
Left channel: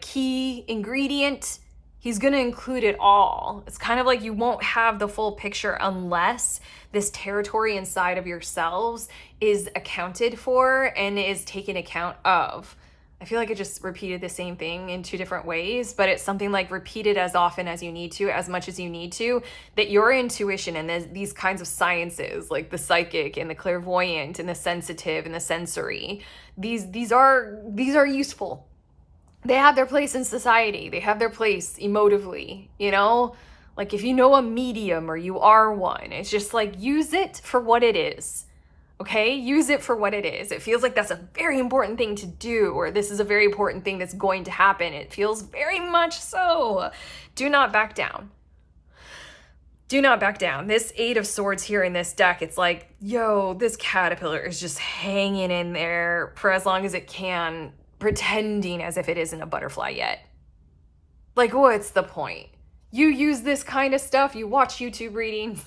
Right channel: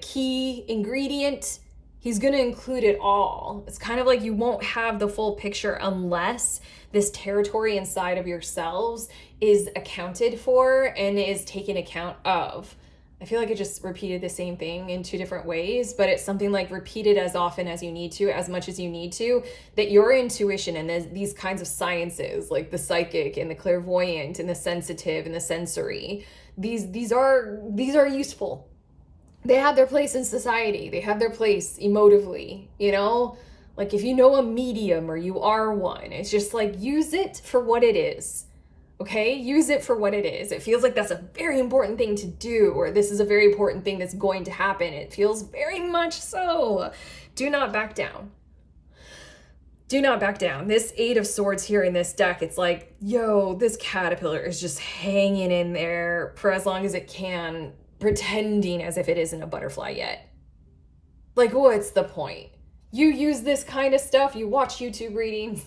key ingredient. He's going to include it all. It's kind of like you won't have the full picture unless this territory inside of yourselves is accounted for and is taken account of. I feel like I just repeated the same thing in two different ways, but it's something like repeat it as often as you need to, as much as you need to, that your intuition and these kinds of sciences, like the psychic and the clairvoyant and the sensitive and the sensory, these are useful. They have their place in society. They have their place emotively, you know? Like if you know a medium or you are one, it's just like use it for what it is. Okay, use it for what it is. It feels like that's a very important thing to do, or this is a very important thing that's going to happen. It feels very much so. Do not back down. Do not back down. This Eight of Swords here in this deck, it's like, yo, this caterpillar is just hanging in there for as long as it can, pretending as if it isn't a butterfly yet. Like, what's the point? You use this kind of stuff, you watch YouTube readings,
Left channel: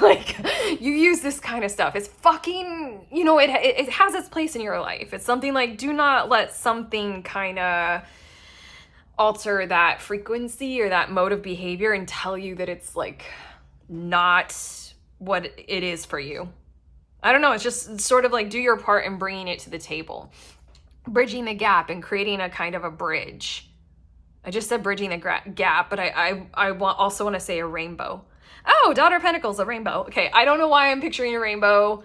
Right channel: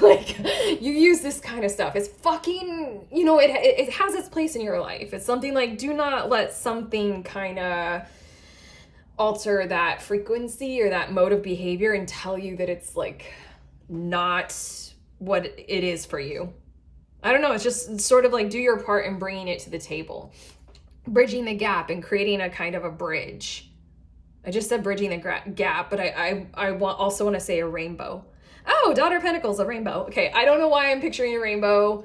like, you use this kind of stuff. It's fucking, you know, it has its place in your life. It's something like, do not let something kind of alter that frequency or that mode of behavior and tell you that it's like not what it is for you. I don't know, it's just sort of like do your part in bringing it to the table. Bridging the gap and creating a kind of a bridge. I just said bridging the gap, but I also want to say a rainbow. Oh, Daughter of Pentacles, a rainbow. Okay, I don't know why I'm picturing a rainbow.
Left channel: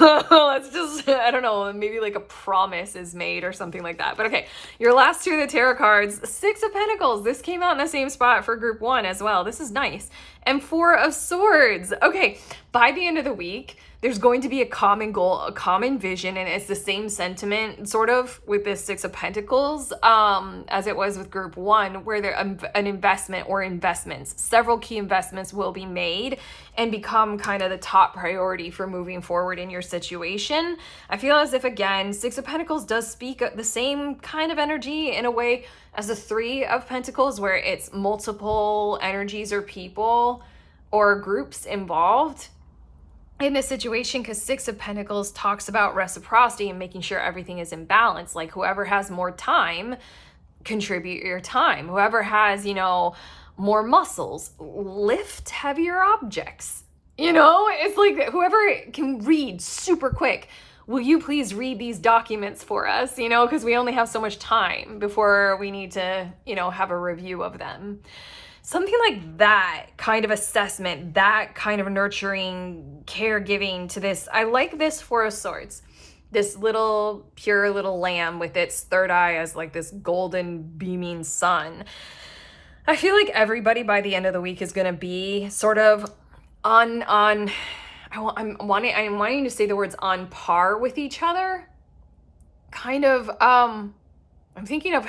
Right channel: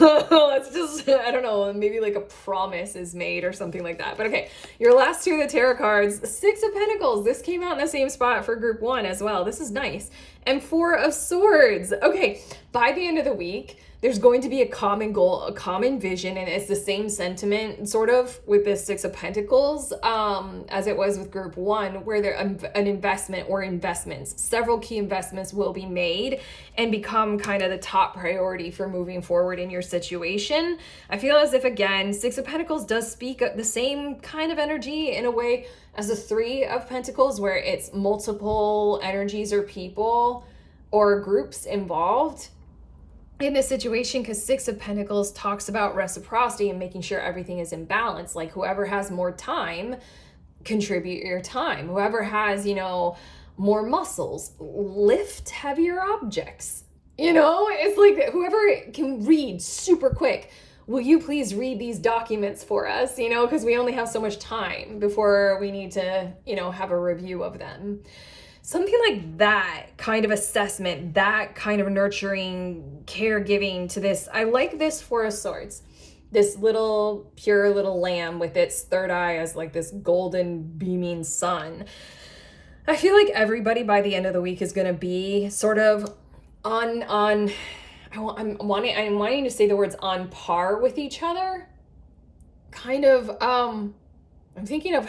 Let's just, I don't know, maybe like a promise is made or something like that. But okay, your last two of the tarot cards, Six of Pentacles. This came out in the same spot for group one as well. This is nice. And Four of Swords. Okay, by the end of the week, there's going to be a common goal, a common vision, and it's the same sentiment sort of with this Six of Pentacles as it was with group one, where there an investment or investments, several key investments will be made and become kind of the top priority for moving forward in your situation. I feel as if, again, Six of Pentacles does speak the same kind of energy in a way as the Three of Pentacles, where it's multiple energies or people or groups involved in this situation, because Six of Pentacles talks about reciprocity and making sure everything is in balance. Like whoever has more time, contribute your time. Whoever has, you know, more muscles, lift heavier objects. You know, it's like whoever can read super quick, will you please read these documents for us? You know, because we only have so much time before we need to, you know, have a review of them. Something like that kind of assessment, that kind of nurturing, caregiving to this. I like this Four of Swords. This little, pure little lamb with its third eye as like this golden beaming sun. I feel like everybody by the end of the week is going to be sort of I'm wanting to say the words on par with each other. Kind of, I'm thinking of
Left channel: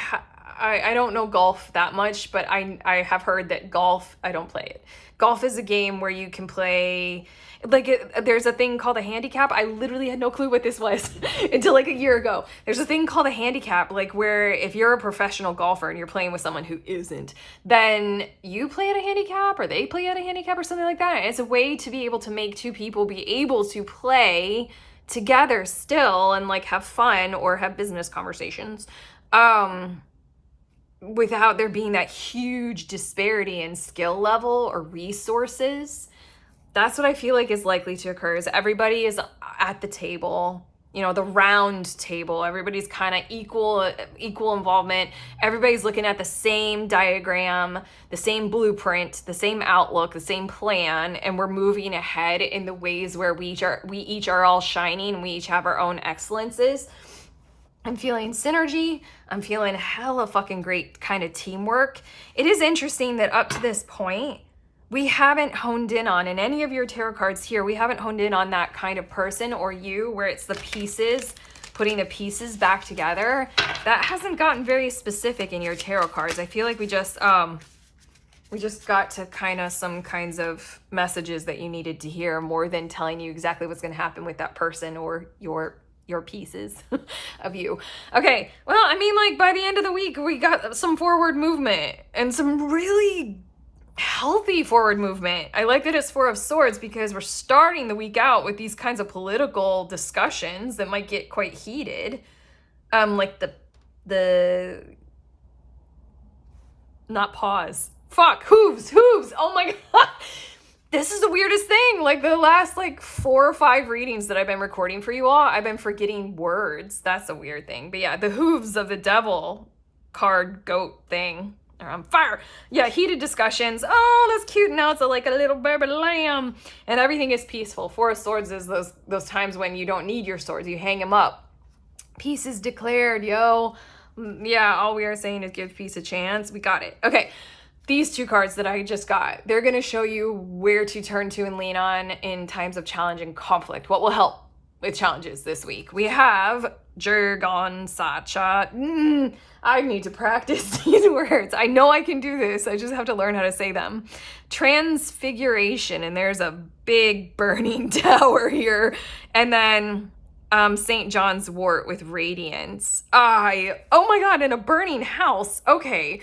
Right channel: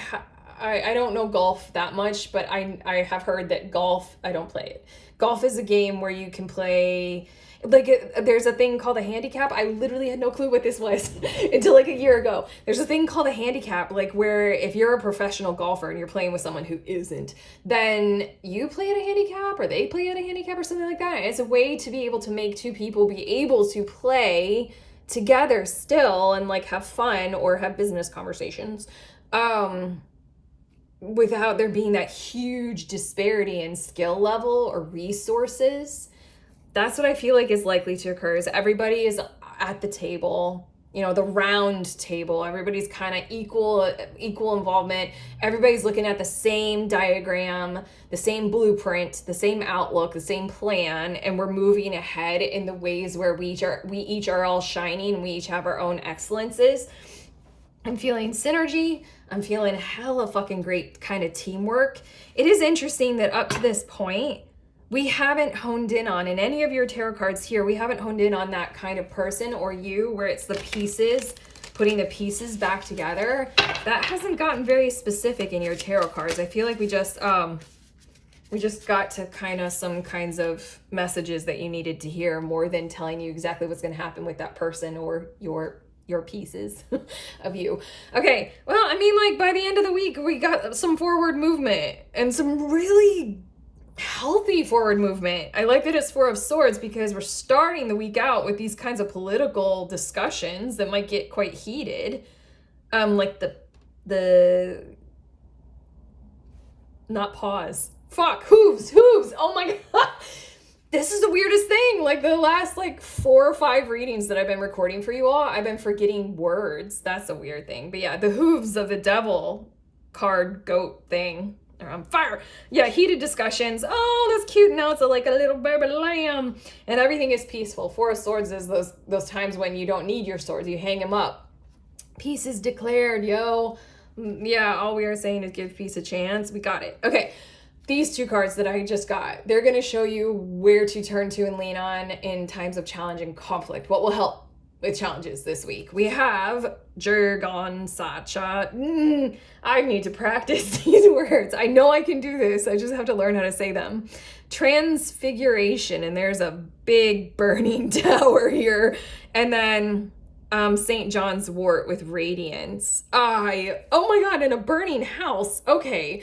I don't know golf that much, but I have heard that golf, I don't play it. Golf is a game where you can play, like there's a thing called a handicap. I literally had no clue what this was until like a year ago. There's a thing called a handicap, like where if you're a professional golfer and you're playing with someone who isn't, then you play at a handicap or they play at a handicap or something like that. And it's a way to be able to make two people be able to play together still and like have fun or have business conversations. Without there being that huge disparity in skill level or resources. That's what I feel like is likely to occur, is everybody is at the table, you know, the round table. Everybody's kind of equal involvement. Everybody's looking at the same diagram, the same blueprint, the same outlook, the same plan, and we're moving ahead in the ways where we each are all shining and we each have our own excellences. I'm feeling synergy. I'm feeling hella fucking great kind of teamwork. It is interesting that up to this point, we haven't honed in on, in any of your tarot cards here, we haven't honed in on that kind of person or you where it's the pieces, putting the pieces back together. That hasn't gotten very specific in your tarot cards. I feel like we just got to kind of some kinds of messages that you needed to hear more than telling you exactly what's going to happen with that person or your pieces of you. Okay, well, I mean, like by the end of the week, we got some forward movement and some really healthy forward movement. I like that it's Four of Swords because we're starting the week out with these kinds of political discussions that might get quite heated. Like the not pause. Fuck, hooves. Oh my God. This is the weirdest thing. Like the last like 4 or 5 readings that I've been recording for you all, I've been forgetting words. That's a weird thing. But yeah, the hooves of the devil card goat thing are on fire. Yeah, heated discussions. Oh, that's cute. Now it's like a little baby lamb and everything is peaceful. Four of Swords is those times when you don't need your swords. You hang them up. Peace is declared, yo. Yeah, all we are saying is give peace a chance. We got it. Okay. These 2 cards that I just got, they're going to show you where to turn to and lean on in times of challenge and conflict. What will help with challenges this week? We have Jurgon Sacha. I need to practice these words. I know I can do this. I just have to learn how to say them. Transfiguration, and there's a big burning tower here. And then St. John's wort with radiance. Oh my God, in a burning house. Okay.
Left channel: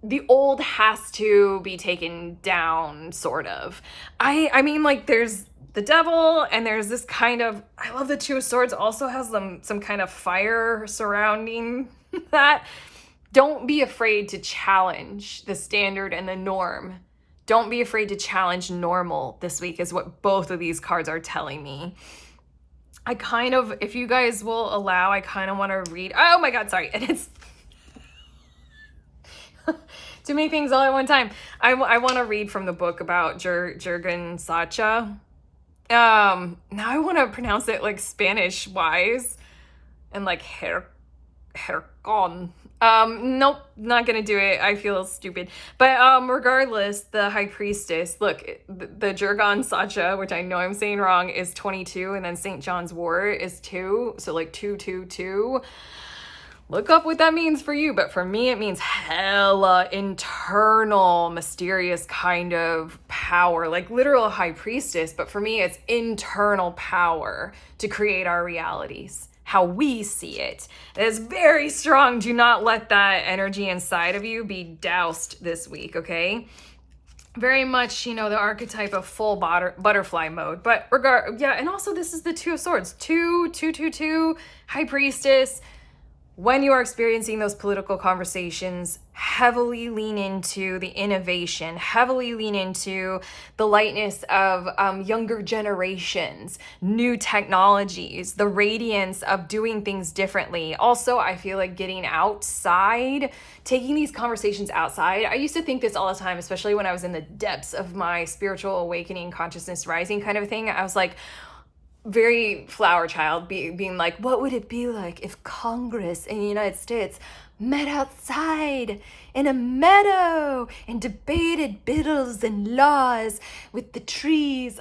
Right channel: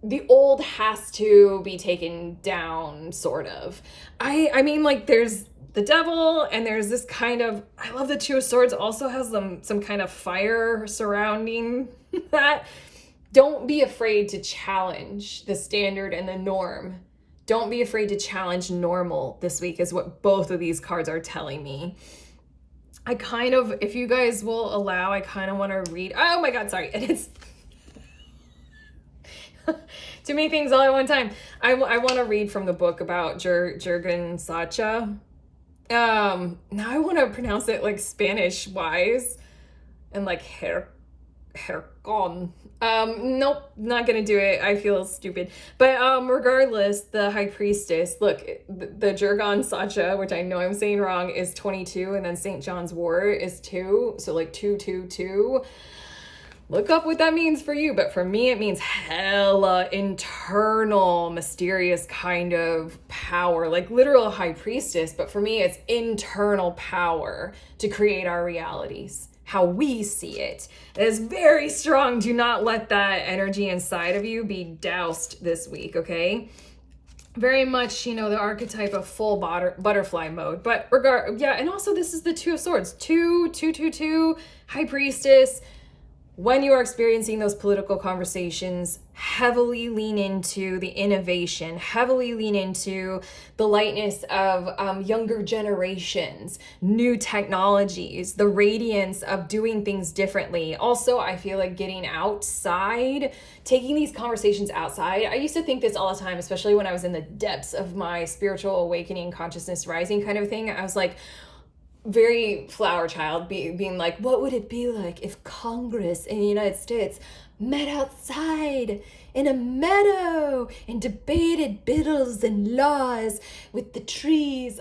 The old has to be taken down, sort of. I mean, like, there's the devil, and there's this kind of, I love the 2 of Swords also has some kind of fire surrounding that. Don't be afraid to challenge the standard and the norm. Don't be afraid to challenge normal this week is what both of these cards are telling me. I kind of, if you guys will allow, I kind of want to read, oh my God, sorry. And it's too many things all at one time. I want to read from the book about Jurgen Sacha. Now I want to pronounce it like Spanish wise and like Hercon. Nope, not gonna do it. I feel stupid. But regardless, the High Priestess, look, the Jurgen Sacha, which I know I'm saying wrong, is 22, and then St. John's wort is 2, so like 222. Look up what that means for you, but for me, it means hella internal, mysterious kind of power, like literal High Priestess, but for me, it's internal power to create our realities, how we see it. It is very strong. Do not let that energy inside of you be doused this week, okay? Very much, you know, the archetype of full butterfly mode, but yeah, and also this is the 2 of Swords, 2, High Priestess. When you are experiencing those political conversations, heavily lean into the innovation, heavily lean into the lightness of younger generations, new technologies, the radiance of doing things differently. Also, I feel like getting outside, taking these conversations outside. I used to think this all the time, especially when I was in the depths of my spiritual awakening, consciousness rising kind of thing. I was like, very flower child, being like, what would it be like if Congress in the United States met outside in a meadow and debated bills and laws with the trees?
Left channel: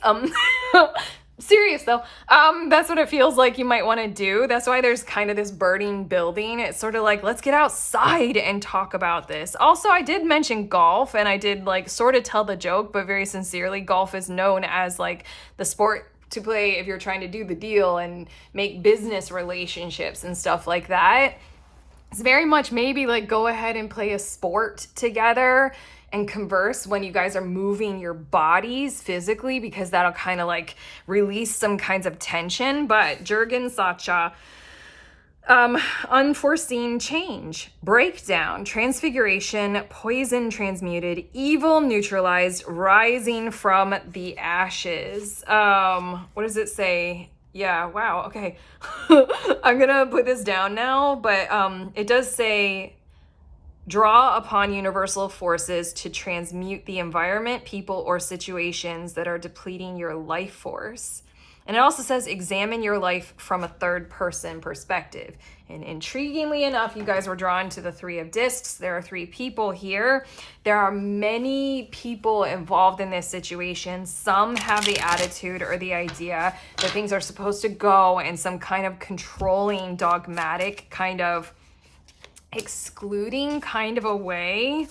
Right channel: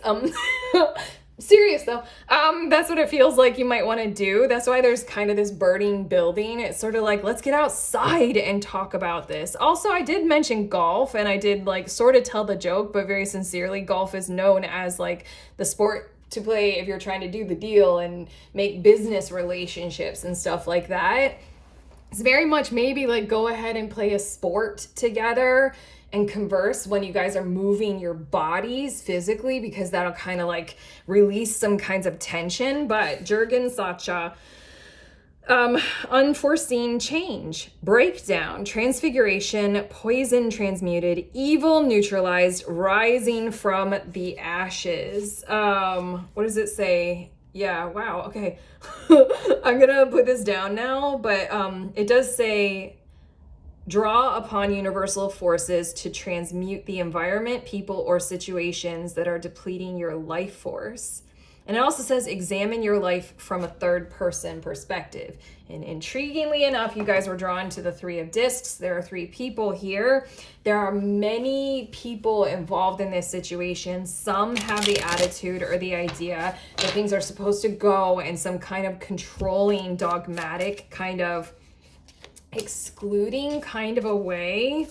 Serious though, that's what it feels like you might want to do. That's why there's kind of this burning building. It's sort of like, let's get outside and talk about this. Also, I did mention golf, and I did like sort of tell the joke, but very sincerely, golf is known as like the sport to play if you're trying to do the deal and make business relationships and stuff like that. It's very much maybe like go ahead and play a sport together and converse when you guys are moving your bodies physically, because that'll kind of like release some kinds of tension. But Jurgen Sacha, unforeseen change, breakdown, transfiguration, poison transmuted, evil neutralized, rising from the ashes. What does it say? Yeah, wow, okay. I'm gonna put this down now, but it does say, draw upon universal forces to transmute the environment, people, or situations that are depleting your life force. And it also says examine your life from a third person perspective. And intriguingly enough, you guys were drawn to the Three of Discs. There are 3 people here. There are many people involved in this situation. Some have the attitude or the idea that things are supposed to go in some kind of controlling, dogmatic, kind of excluding kind of a way.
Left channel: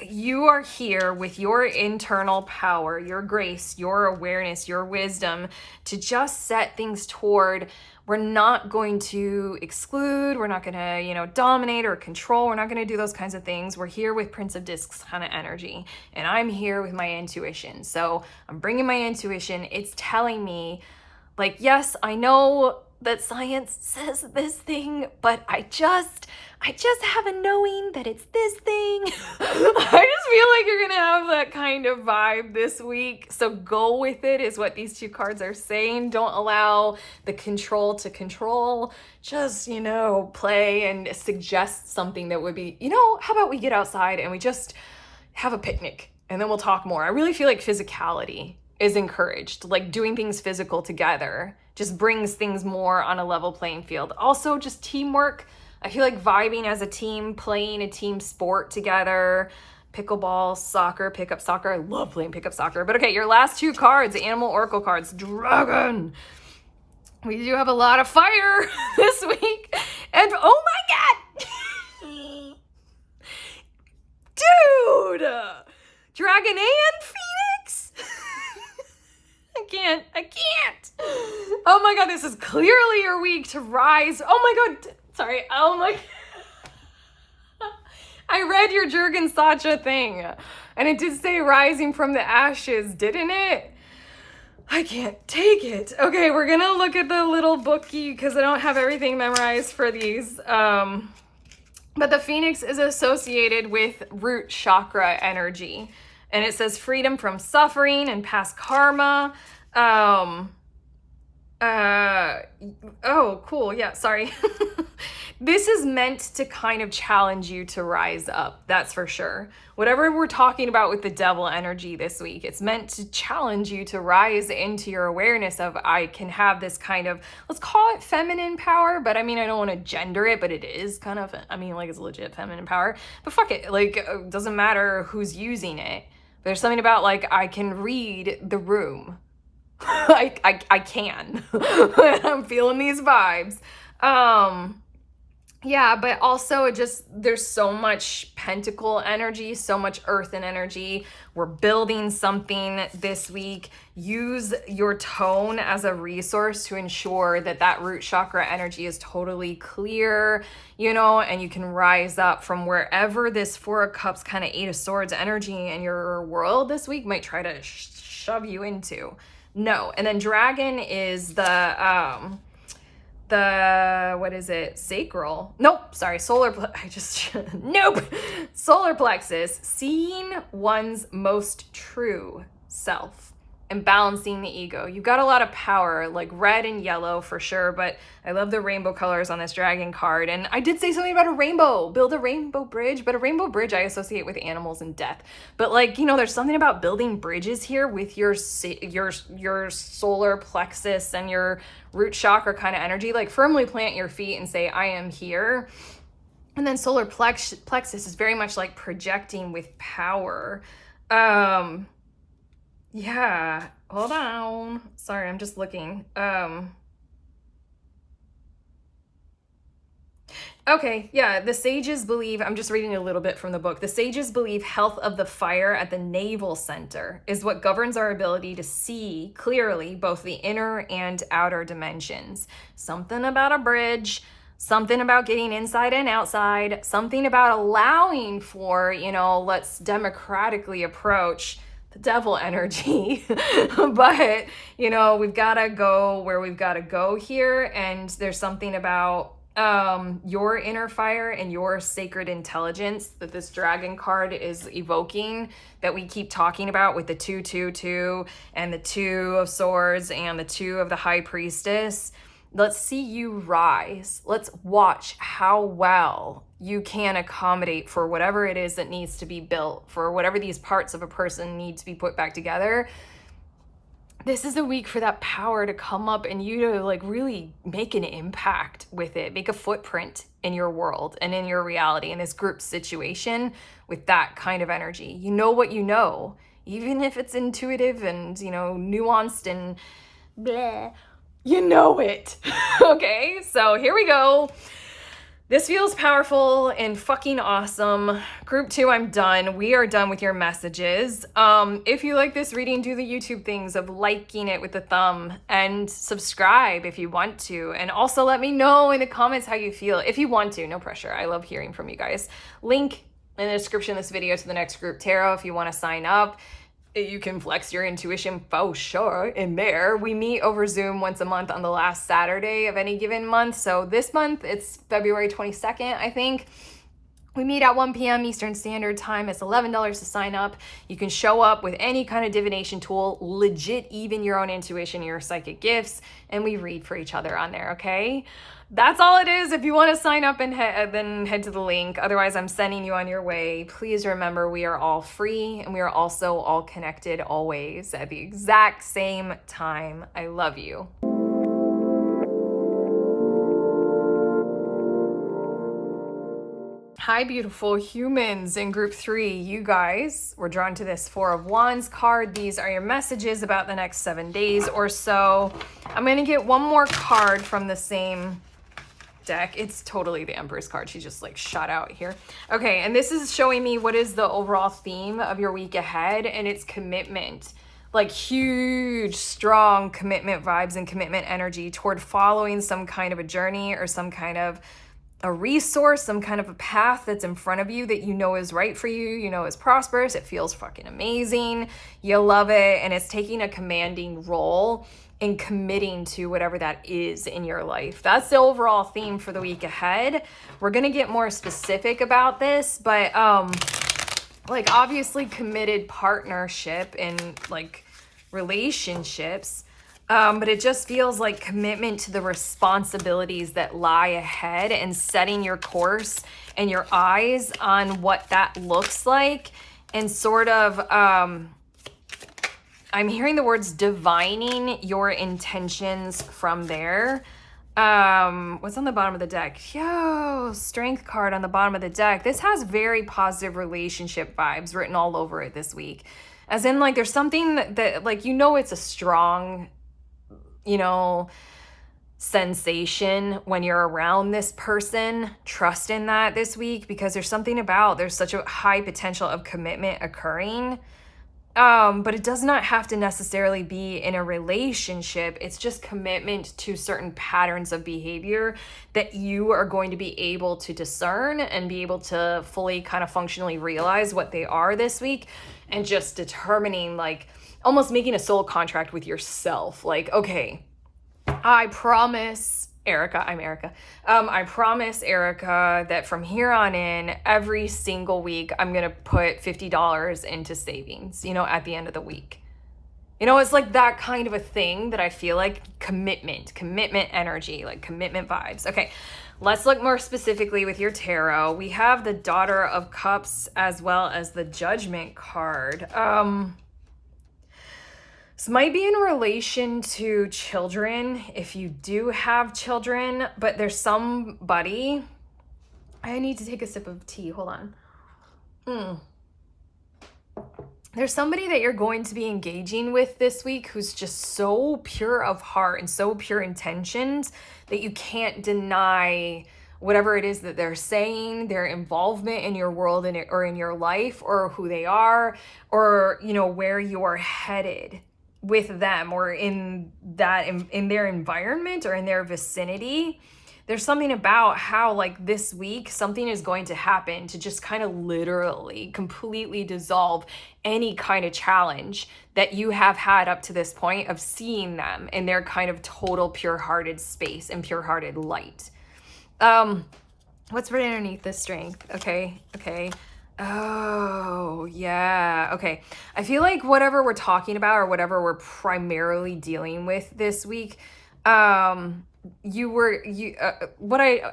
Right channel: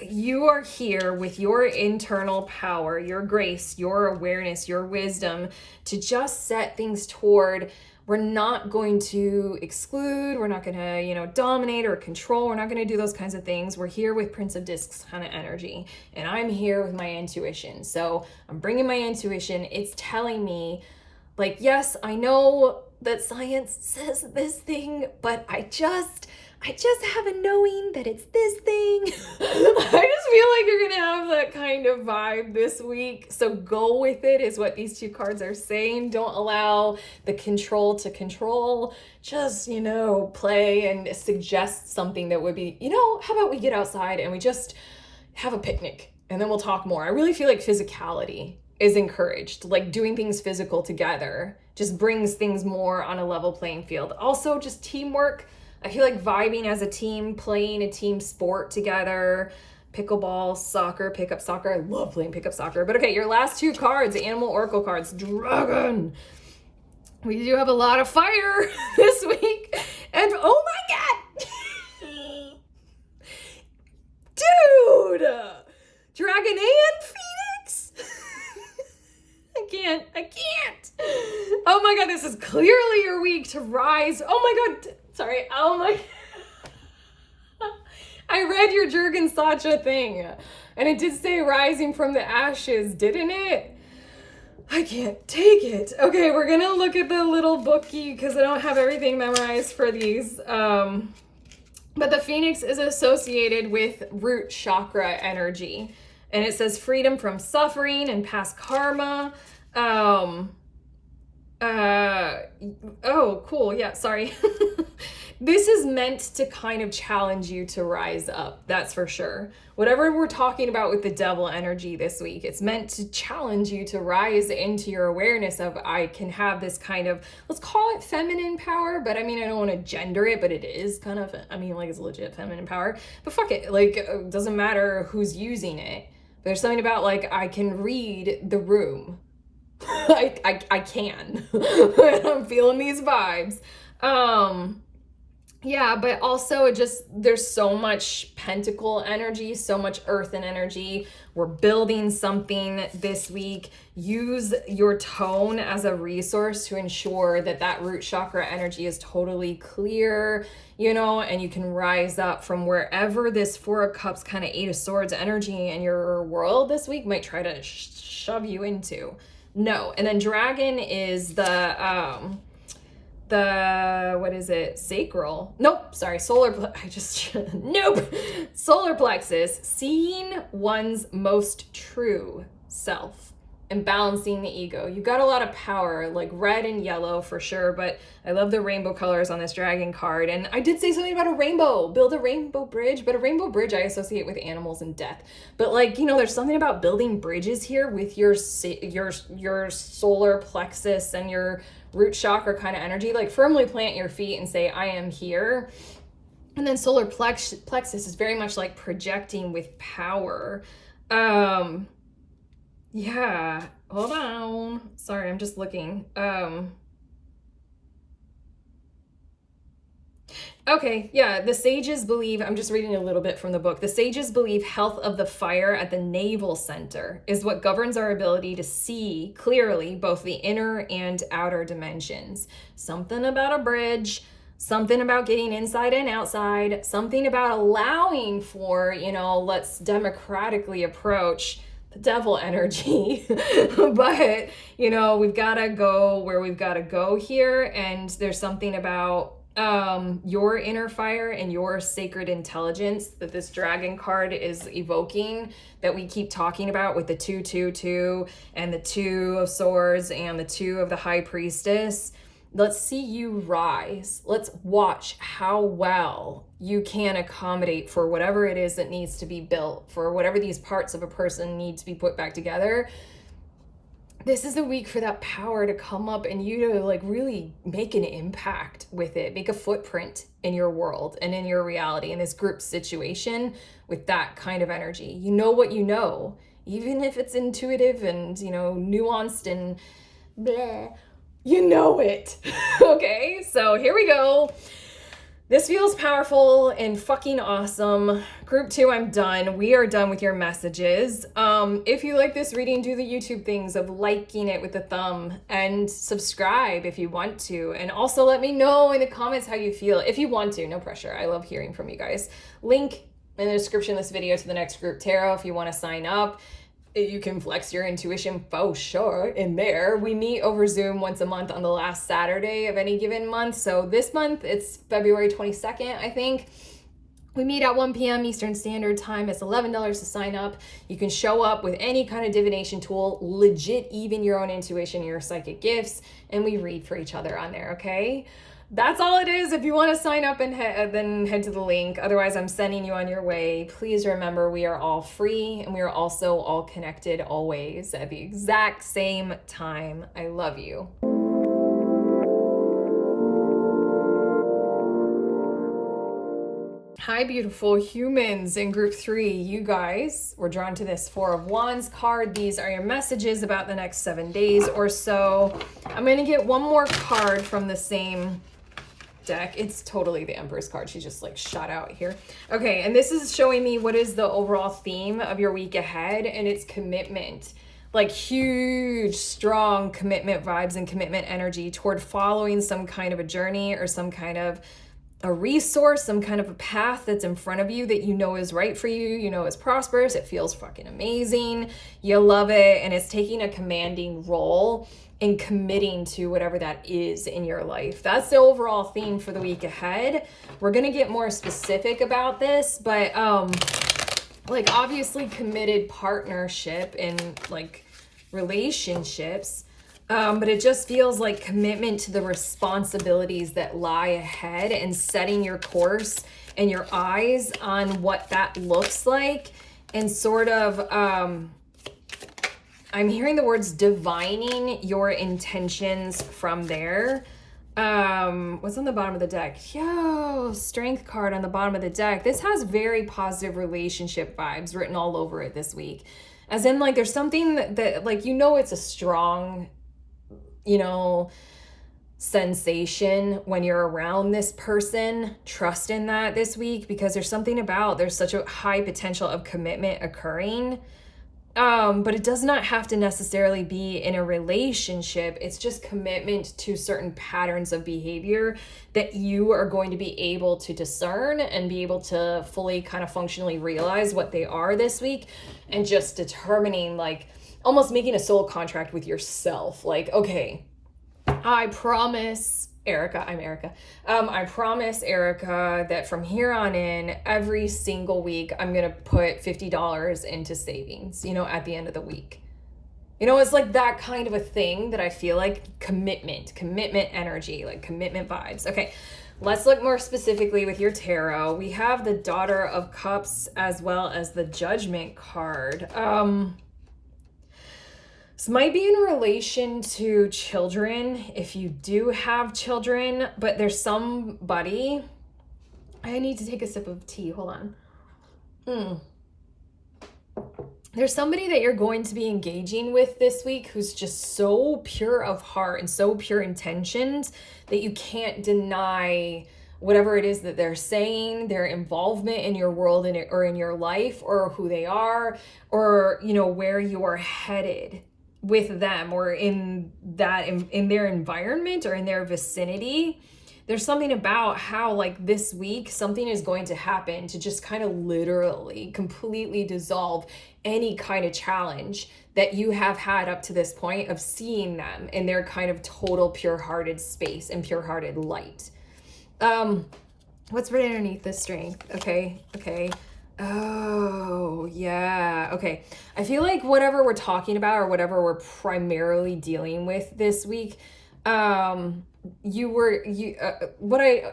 You are here with your internal power, your grace, your awareness, your wisdom to just set things toward, we're not going to exclude, we're not going to, dominate or control, we're not going to do those kinds of things. We're here with Prince of Discs kind of energy, and I'm here with my intuition. So I'm bringing my intuition. It's telling me, like, yes, I know that science says this thing, but I just have a knowing that it's this thing. I just feel like you're gonna have that kind of vibe this week. So go with it is what these 2 cards are saying. Don't allow the control to control. Just, play and suggest something that would be, how about we get outside and we just have a picnic and then we'll talk more. I really feel like physicality is encouraged, like doing things physical together just brings things more on a level playing field. Also, just teamwork. I feel like vibing as a team, playing a team sport together, pickleball, soccer, pickup soccer. I love playing pickup soccer. But okay, your last 2 cards, animal oracle cards, dragon. We do have a lot of fire this week. And oh my God, dude, dragon and phoenix. I can't. Oh my God, this is clearly your week to rise. Oh my God. Sorry. Oh my. I read your Jurgen Sacha thing and it did say rising from the ashes, didn't it? I can't take it. Okay, we're gonna look at the little bookie because I don't have everything memorized for these. But the phoenix is associated with root chakra energy. And it says freedom from suffering and past karma. Oh, cool. Yeah, sorry. This is meant to kind of challenge you to rise up. That's for sure. Whatever we're talking about with the devil energy this week, it's meant to challenge you to rise into your awareness of, I can have this kind of, let's call it feminine power, but I mean, I don't want to gender it, but it is kind of, it's legit feminine power, but fuck it. Like, it doesn't matter who's using it. There's something about, like, I can read the room. I can. I'm feeling these vibes. Yeah, but also there's so much pentacle energy, so much earthen energy. We're building something this week. Use your tone as a resource to ensure that root chakra energy is totally clear, and you can rise up from wherever this 4 of Cups, kind of 8 of Swords energy in your world this week might try to shove you into. No. And then dragon is the what is it? Sacral. Nope. Sorry. Nope. Solar plexus. Seeing one's most true self and balancing the ego. You've got a lot of power, like red and yellow for sure, but I love the rainbow colors on this dragon card. And I did say something about a rainbow, build a rainbow bridge, but a rainbow bridge I associate with animals and death. But like, there's something about building bridges here with your solar plexus and your root chakra kind of energy. Like, firmly plant your feet and say, I am here. And then solar plexus is very much like projecting with power. Yeah, hold on. Sorry, I'm just looking. Okay, yeah, the sages believe, I'm just reading a little bit from the book. The sages believe health of the fire at the navel center is what governs our ability to see clearly both the inner and outer dimensions. Something about a bridge, something about getting inside and outside, something about allowing for, let's democratically approach the devil energy. But, we've got to go where we've got to go here. And there's something about your inner fire and your sacred intelligence that this dragon card is evoking, that we keep talking about with the 222 and the 2 of Swords and the 2 of the High Priestess. Let's see you rise. Let's watch how well you can accommodate for whatever it is that needs to be built, for whatever these parts of a person need to be put back together. this is the week for that power to come up and you to like really make an impact with it, make a footprint in your world and in your reality in this group situation with that kind of energy. You know what you know, even if it's intuitive and, you know, nuanced and bleh, you know it. Okay, so here we go. This feels powerful and fucking awesome. Group 2, I'm done. We are done with your messages. If you like this reading, do the YouTube things of liking it with the thumb and subscribe if you want to. And also let me know in the comments how you feel. If you want to, no pressure. I love hearing from you guys. Link in the description of this video to the next group tarot if you want to sign up. You can flex your intuition for sure in there. We meet over Zoom once a month on the last Saturday of any given month. So this month it's February 22nd, I think. We meet at 1 p.m. Eastern Standard Time. It's $11 to sign up. You can show up with any kind of divination tool, legit, even your own intuition, your psychic gifts, and we read for each other on there, okay? That's all it is. If you want to sign up and then head to the link. Otherwise, I'm sending you on your way. Please remember, we are all free and we are also all connected always at the exact same time. I love you. Hi, beautiful humans in group 3. You guys were drawn to this 4 of Wands card. These are your messages about the next 7 days or so. I'm going to get one more card from the same deck. It's totally the Empress card. She just like shot out here. Okay, and this is showing me what is the overall theme of your week ahead, and it's commitment. Like huge, strong commitment vibes and commitment energy toward following some kind of a journey or some kind of a resource, some kind of a path that's in front of you that you know is right for you, you know is prosperous, it feels fucking amazing, you love it, and it's taking a commanding role in committing to whatever that is in your life. That's the overall theme for the week ahead. We're gonna get more specific about this, but like obviously committed partnership and like relationships, but it just feels like commitment to the responsibilities that lie ahead and setting your course and your eyes on what that looks like, and sort of I'm hearing the words divining your intentions from there. What's on the bottom of the deck? Yo, Strength card on the bottom of the deck. This has very positive relationship vibes written all over it this week. As in, like, there's something that like, you know, it's a strong, you know, sensation when you're around this person. Trust in that this week, because there's something about, there's such a high potential of commitment occurring. But it does not have to necessarily be in a relationship. It's just commitment to certain patterns of behavior that you are going to be able to discern and be able to fully kind of functionally realize what they are this week, and just determining, like almost making a soul contract with yourself. Like, okay, I promise Erica, I'm Erica. I promise Erica that from here on in, every single week, I'm going to put $50 into savings, you know, at the end of the week. You know, it's like that kind of a thing that I feel like commitment energy, like commitment vibes. Okay, let's look more specifically with your tarot. We have the Daughter of Cups as well as the Judgment card. This might be in relation to children, if you do have children, but there's somebody, I need to take a sip of tea, hold on. There's somebody that you're going to be engaging with this week who's just so pure of heart and so pure intentions that you can't deny whatever it is that they're saying, their involvement in your world or in your life, or who they are, or, you know, where you are headed with them, or in that in their environment or in their vicinity. There's something about how, like, this week something is going to happen to just kind of literally completely dissolve any kind of challenge that you have had up to this point of seeing them in their kind of total pure-hearted space and pure-hearted light. What's right underneath this Strength? Okay. Oh, yeah. Okay. I feel like whatever we're talking about or whatever we're primarily dealing with this week, What I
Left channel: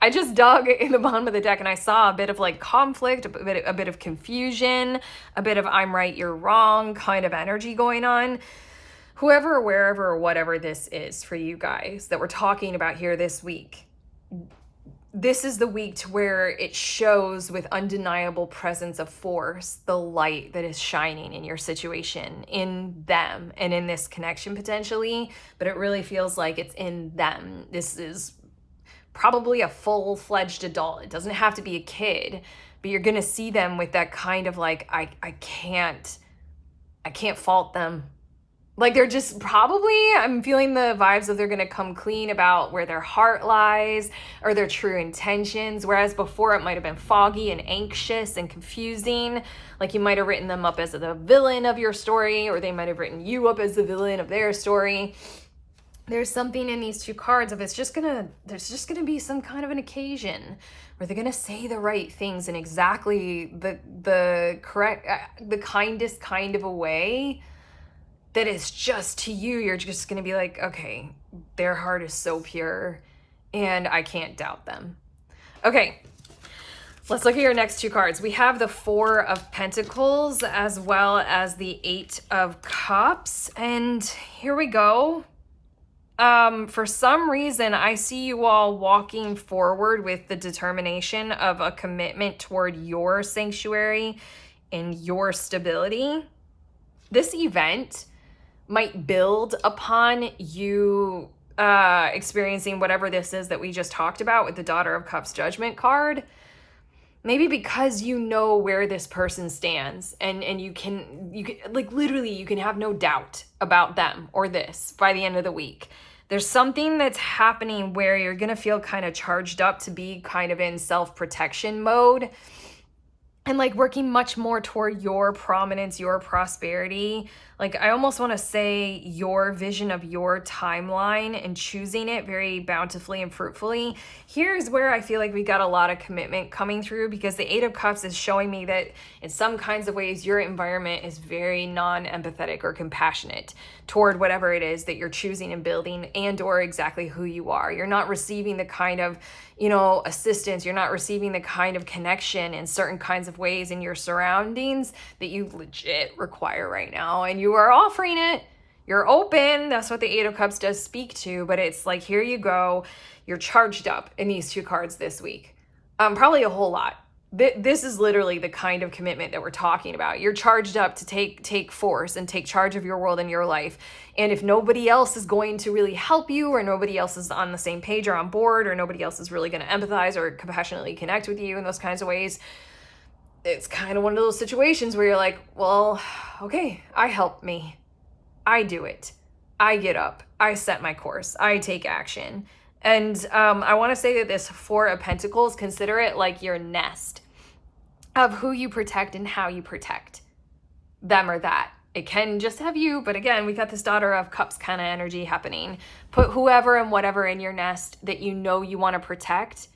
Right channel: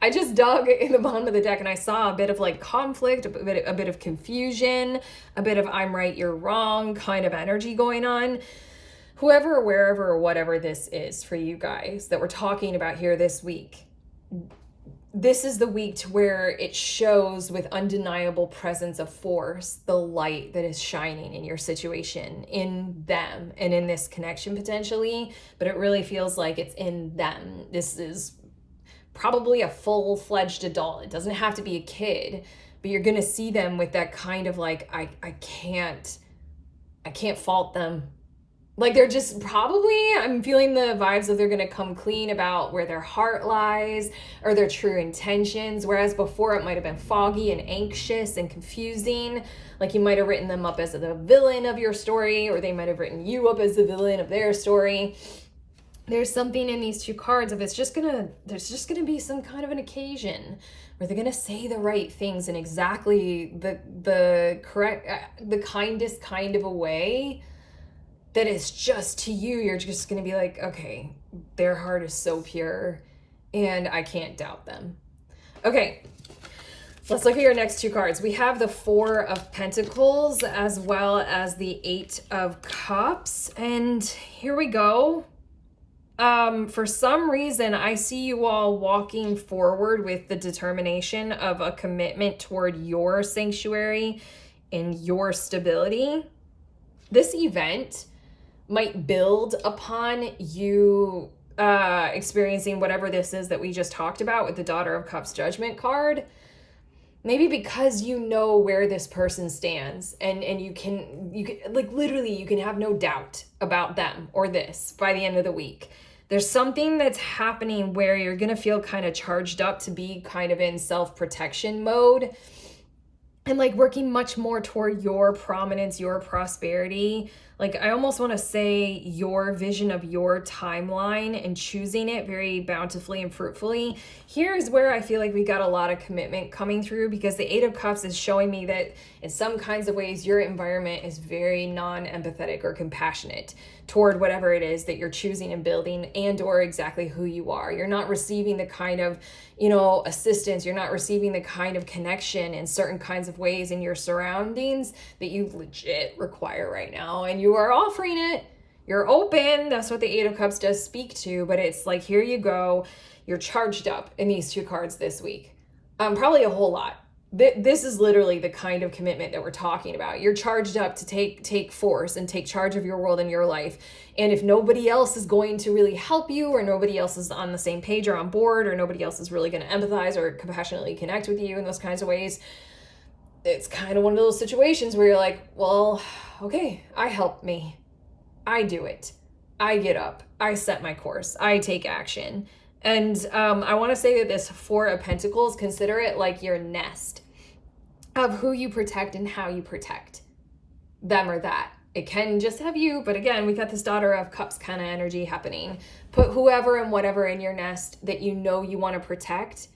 I just dug in the bottom of the deck and I saw a bit of like conflict, a bit of confusion, a bit of I'm right, you're wrong kind of energy going on. Whoever, wherever, or whatever this is for you guys that we're talking about here this week, this is the week to where it shows with undeniable presence of force the light that is shining in your situation, in them, and in this connection potentially. But it really feels like it's in them. This is probably a full-fledged adult. It doesn't have to be a kid, but you're gonna see them with that kind of like, I can't fault them. Like they're just probably, I'm feeling the vibes of they're going to come clean about where their heart lies or their true intentions. Whereas before it might have been foggy and anxious and confusing. Like you might have written them up as the villain of your story, or they might have written you up as the villain of their story. There's something in these two cards of there's just going to be some kind of an occasion where they're going to say the right things in exactly the correct, the kindest kind of a way that is just to you. You're just going to be like, okay, their heart is so pure and I can't doubt them. Okay, let's look at your next two cards. We have the Four of Pentacles as well as the Eight of Cups. And here we go. For some reason, I see you all walking forward with the determination of a commitment toward your sanctuary and your stability. This event might build upon you experiencing whatever this is that we just talked about with the Daughter of Cups Judgment card. Maybe because you know where this person stands and you can like literally you can have no doubt about them or this by the end of the week. There's something that's happening where you're going to feel kind of charged up to be kind of in self-protection mode and like working much more toward your prominence, your prosperity. Like I almost want to say your vision of your timeline and choosing it very bountifully and fruitfully. Here's where I feel like we got a lot of commitment coming through, because the Eight of Cups is showing me that in some kinds of ways your environment is very non-empathetic or compassionate toward whatever it is that you're choosing and building and or exactly who you are. You're not receiving the kind of, assistance. You're not receiving the kind of connection in certain kinds of ways in your surroundings that you legit require right now. And you are offering it. You're open. That's what the Eight of Cups does speak to. But it's like, here you go. You're charged up in these two cards this week. Probably a whole lot. This is literally the kind of commitment that we're talking about. You're charged up to take force and take charge of your world and your life. And if nobody else is going to really help you, or nobody else is on the same page or on board, or nobody else is really going to empathize or compassionately connect with you in those kinds of ways, it's kind of one of those situations where you're like, well, okay, I help me. I do it. I get up. I set my course. I take action. And I want to say that this Four of Pentacles, consider it like your nest of who you protect and how you protect them or that. It can just have you, but again, we got this Daughter of Cups kind of energy happening. Put whoever and whatever in your nest that you want to protect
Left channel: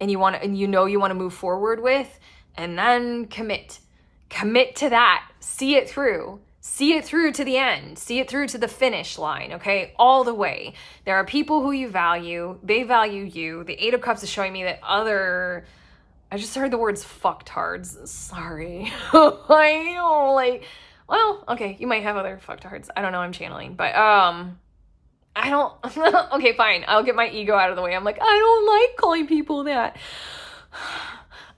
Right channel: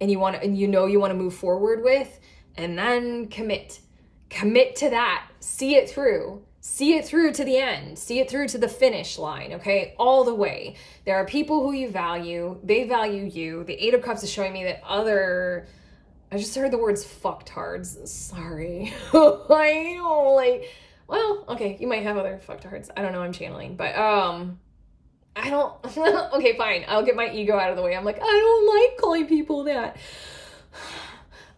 and you want to move forward with, and then commit to that. See it through to the end, see it through to the finish line. Okay, all the way. There are people who you value, they value you. The Eight of Cups is showing me that I just heard the words fucktards. Sorry. I know, well, okay, you might have other fucktards. I don't know, I'm channeling. But, I don't, okay, fine. I'll get my ego out of the way. I'm like, I don't like calling people that.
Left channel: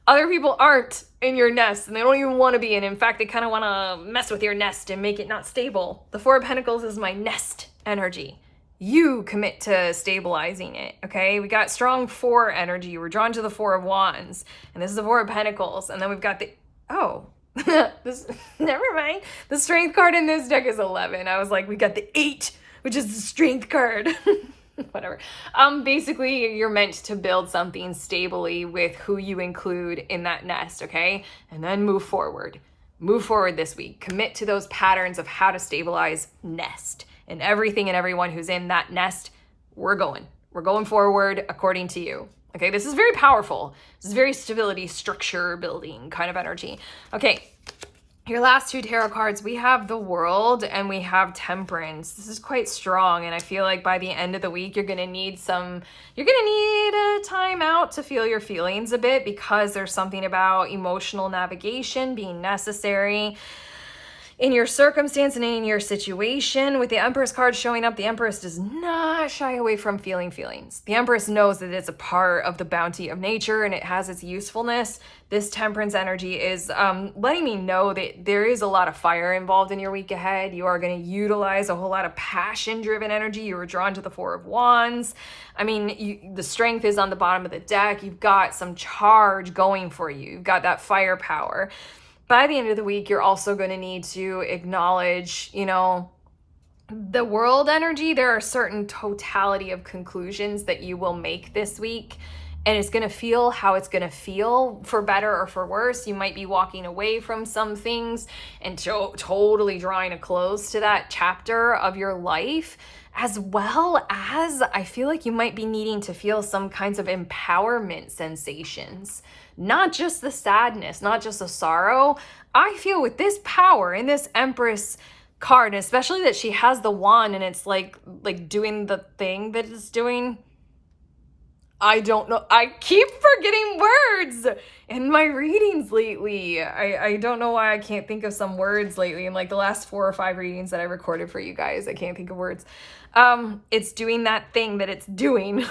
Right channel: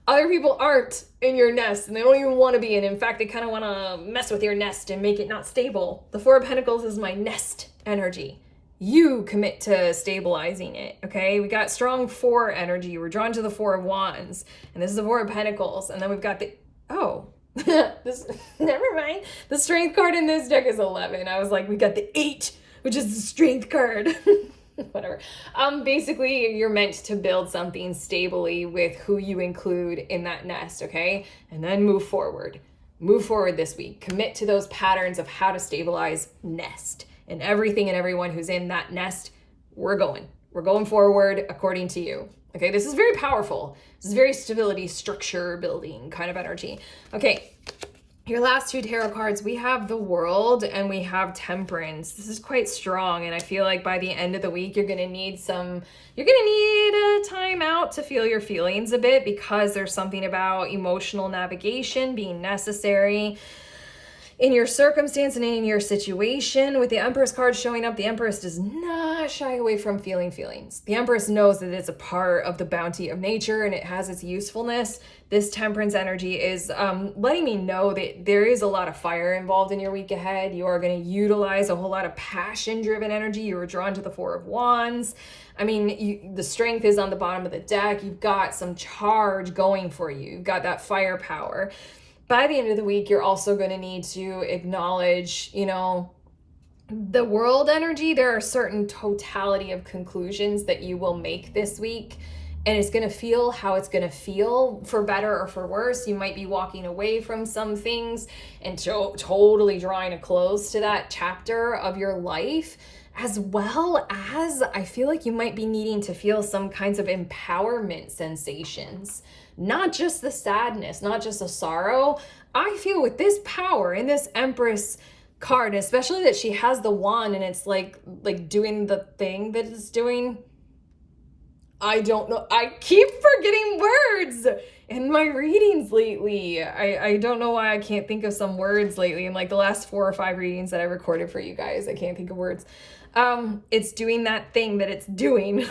Other people aren't in your nest, and they don't even want to be. And in fact, they kind of want to mess with your nest and make it not stable. The Four of Pentacles is my nest energy. You commit to stabilizing it, okay? We got strong Four energy. We're drawn to the Four of Wands, and this is the Four of Pentacles. And then we've got the, never mind. The Strength card in this deck is 11. I was like, we got the 8, which is the Strength card. Whatever. Basically, you're meant to build something stably with who you include in that nest, okay? And then move forward. Move forward this week. Commit to those patterns of how to stabilize nest. And everything and everyone who's in that nest, we're going forward according to you. Okay, this is very powerful. This is very stability, structure building kind of energy. Okay, Your last two tarot cards, we have the World and we have Temperance. This is quite strong, and I feel like by the end of the week, you're gonna need a time out to feel your feelings a bit, because there's something about emotional navigation being necessary in your circumstance and in your situation. With the Empress card showing up, the Empress does not shy away from feeling feelings. The Empress knows that it's a part of the bounty of nature and it has its usefulness. This Temperance energy is letting me know that there is a lot of fire involved in your week ahead. You are going to utilize a whole lot of passion-driven energy. You were drawn to the Four of Wands. I mean, the Strength is on the bottom of the deck. You've got some charge going for you. You've got that firepower. By the end of the week, you're also going to need to acknowledge, the World energy. There are certain totality of conclusions that you will make this week, and it's going to feel how it's going to feel, for better or for worse. You might be walking away from some things and totally drawing a close to that chapter of your life, as well as I feel like you might be needing to feel some kinds of empowerment sensations. Not just the sadness, not just the sorrow. I feel with this power in this Empress card, especially that she has the wand and it's like doing the thing that it's doing. I don't know. I keep forgetting words in my readings lately. I don't know why I can't think of some words lately. In like the last 4 or 5 readings that I recorded for you guys, I can't think of words. It's doing that thing that it's doing.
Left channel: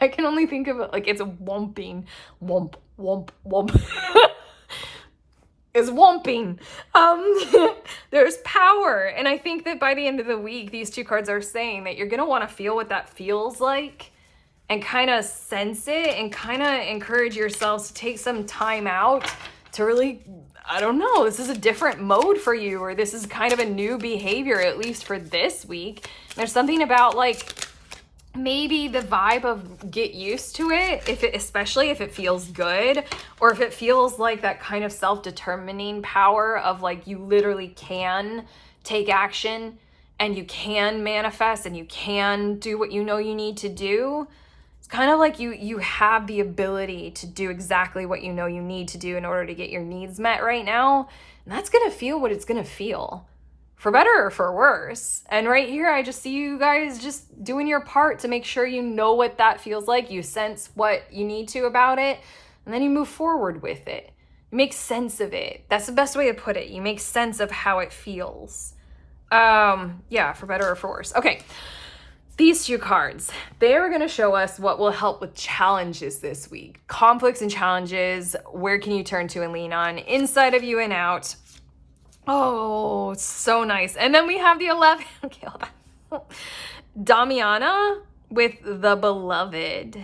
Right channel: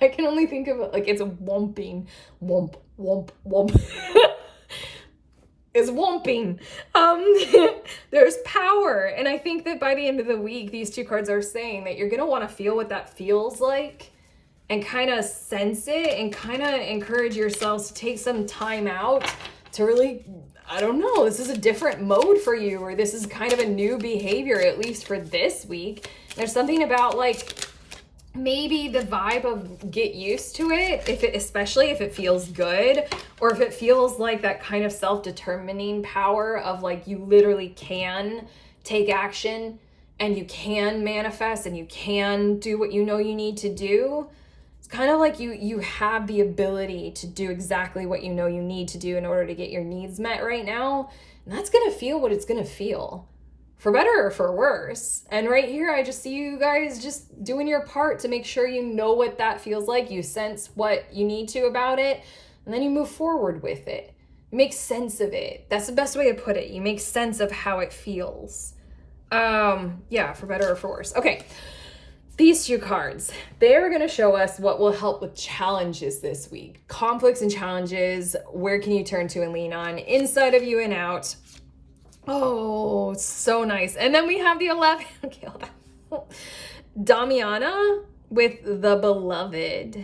I can only think of it like it's a womping. Womp, womp, womp. Is womping. There's power. And I think that by the end of the week, these two cards are saying that you're going to want to feel what that feels like and kind of sense it and kind of encourage yourselves to take some time out to really, I don't know, this is a different mode for you, or this is kind of a new behavior, at least for this week. There's something about like maybe the vibe of get used to it, especially if it feels good, or if it feels like that kind of self-determining power of like you literally can take action and you can manifest and you can do what you know you need to do. It's kind of like you have the ability to do exactly what you know you need to do in order to get your needs met right now. And that's going to feel what it's going to feel, for better or for worse. And right here, I just see you guys just doing your part to make sure you know what that feels like. You sense what you need to about it, and then you move forward with it. You make sense of it. That's the best way to put it. You make sense of how it feels. Yeah, for better or for worse. Okay. These two cards, they are going to show us what will help with challenges this week. Conflicts and challenges. Where can you turn to and lean on? Inside of you and out. Oh, so nice. And then we have the 11. Okay, hold on. Damiana with the Beloved.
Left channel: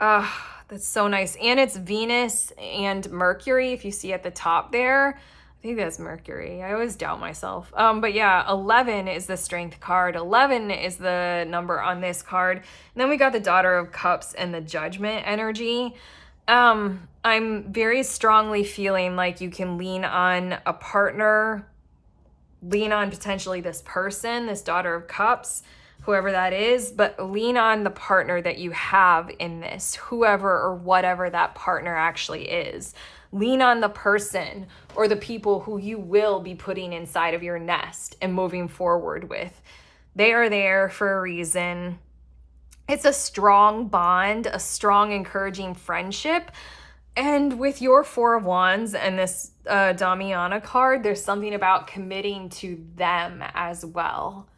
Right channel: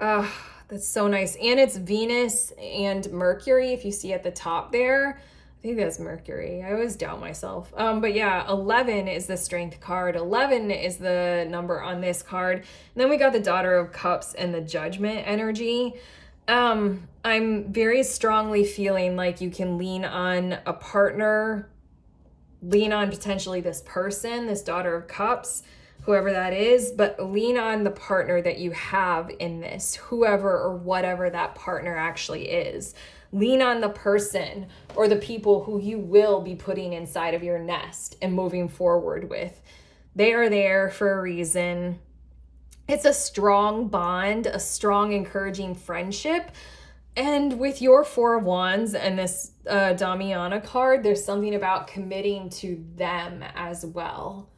That's so nice. And it's Venus and Mercury, if you see at the top there. I think that's Mercury. I always doubt myself. But yeah, 11 is the Strength card. 11 is the number on this card. And then we got the Daughter of Cups and the Judgment energy. I'm very strongly feeling like you can lean on a partner, lean on potentially this person, this Daughter of Cups, whoever that is, but lean on the partner that you have in this, whoever or whatever that partner actually is. Lean on the person or the people who you will be putting inside of your nest and moving forward with. They are there for a reason. It's a strong bond, a strong, encouraging friendship. And with your Four of Wands and this Damiana card, there's something about committing to them as well.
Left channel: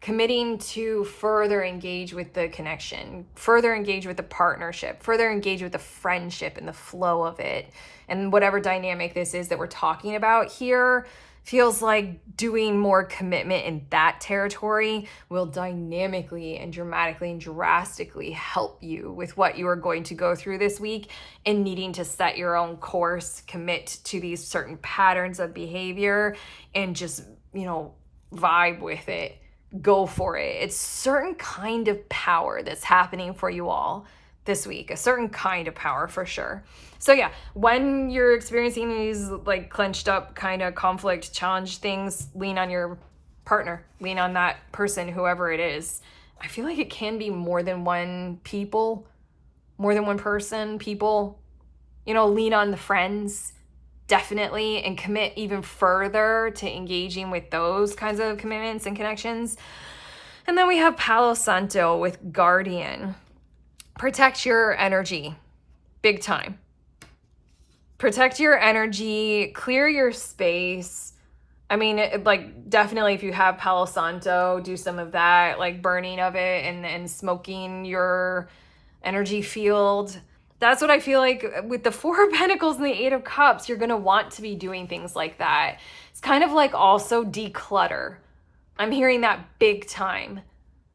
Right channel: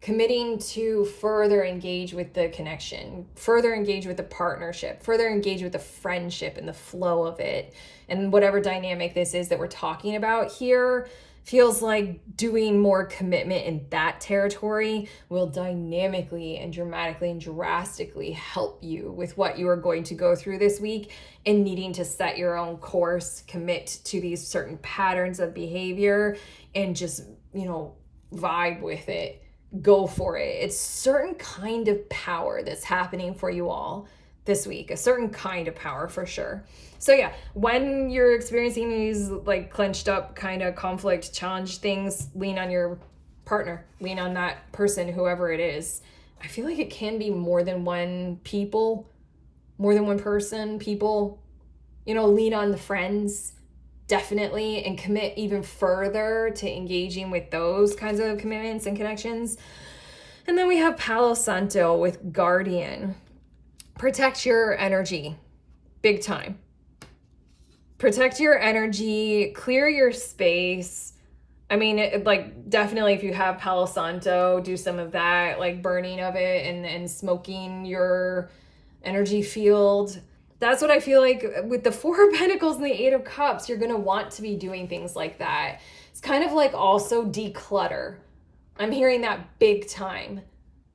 Committing to further engage with the connection, further engage with the partnership, further engage with the friendship and the flow of it. And whatever dynamic this is that we're talking about here, feels like doing more commitment in that territory will dynamically and dramatically and drastically help you with what you are going to go through this week and needing to set your own course, commit to these certain patterns of behavior, and just, vibe with it. Go for it. It's certain kind of power that's happening for you all this week, a certain kind of power for sure. So yeah, when you're experiencing these like clenched up kind of conflict challenge things, lean on your partner, lean on that person, whoever it is. I feel like it can be more than one people, more than one person, people, lean on the friends, definitely, and commit even further to engaging with those kinds of commitments and connections. And then we have Palo Santo with Guardian. Protect your energy, big time. Protect your energy, clear your space. I mean, like, definitely if you have Palo Santo, do some of that, like burning of it and smoking your energy field. That's what I feel like with the Four of Pentacles and the Eight of Cups, you're going to want to be doing things like that. It's kind of like also declutter. I'm hearing that big time.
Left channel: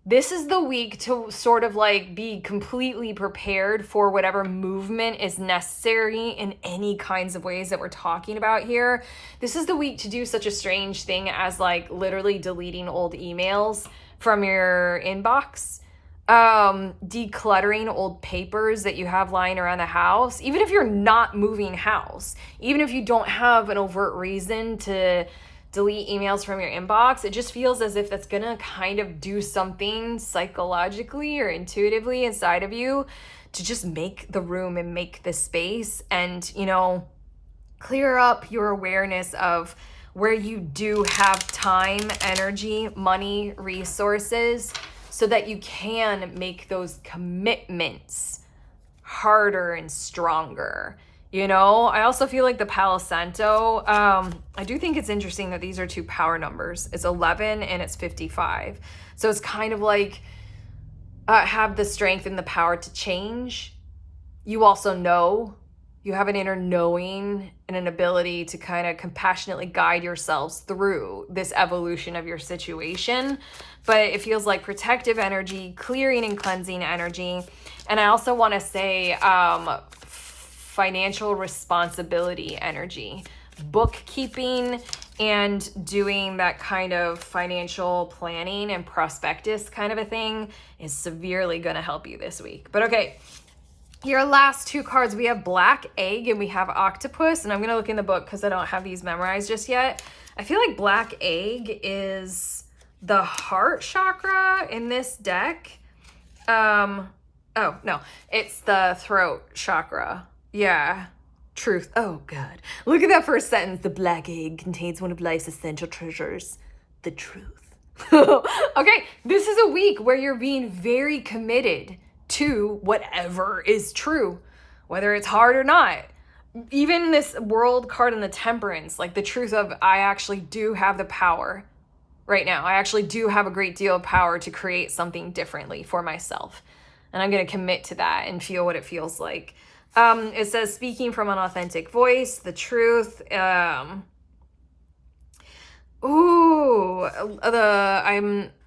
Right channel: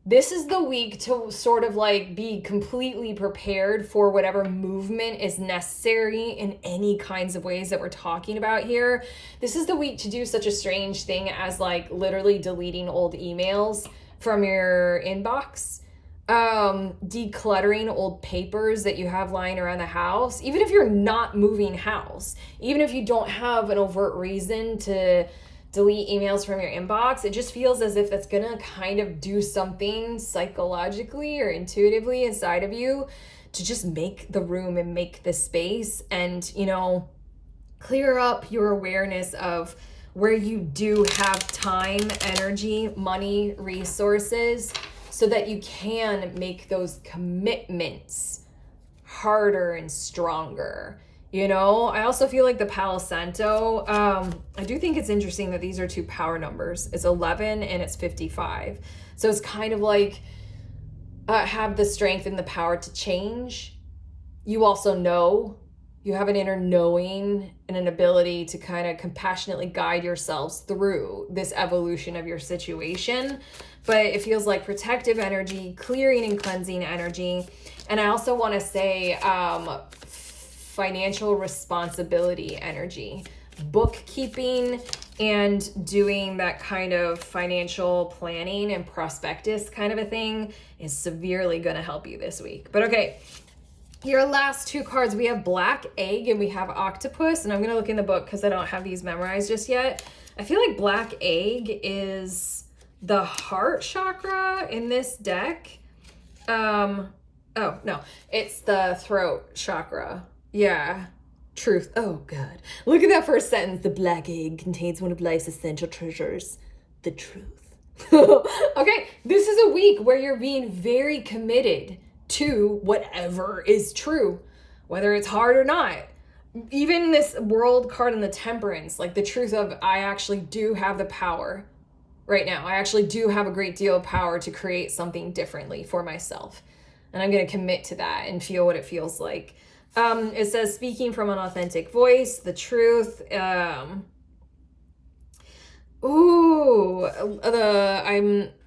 This is the week to sort of like be completely prepared for whatever movement is necessary in any kinds of ways that we're talking about here. This is the week to do such a strange thing as like literally deleting old emails from your inbox, decluttering old papers that you have lying around the house, even if you're not moving house, even if you don't have an overt reason to delete emails from your inbox. It just feels as if that's gonna kind of do something psychologically or intuitively inside of you to just make the room and make the space and, you know, clear up your awareness of where you do have time, energy, money, resources, so that you can make those commitments harder and stronger. You know, I also feel like the Palo Santo, I do think it's interesting that these are two power numbers. It's 11 and it's 55. So it's kind of like have the strength and the power to change. You also know, you have an inner knowing and an ability to kind of compassionately guide yourselves through this evolution of your situation. But it feels like protective energy, clearing and cleansing energy. And I also want to say, financial responsibility energy, bookkeeping, and doing that kind of financial planning and prospectus kind of a thing is severely going to help you this week. But okay, your last two cards, we have Black Egg and we have Octopus. And I'm going to look in the book because I don't have these memorized just yet. I feel like Black Egg is the heart chakra in this deck. Oh, no, it's the throat chakra. Yeah, truth. Oh, God. Look at that first sentence. The black egg contains one of life's essential treasures, the truth. Okay, this is a week where you're being very committed to whatever is true, whether it's hard or not. Even this World card in the Temperance, like the truth of I actually do have the power right now. I actually do have a great deal of power to create something differently for myself. And I'm going to commit to that and feel what it feels like. It says speaking from an authentic voice, the truth. I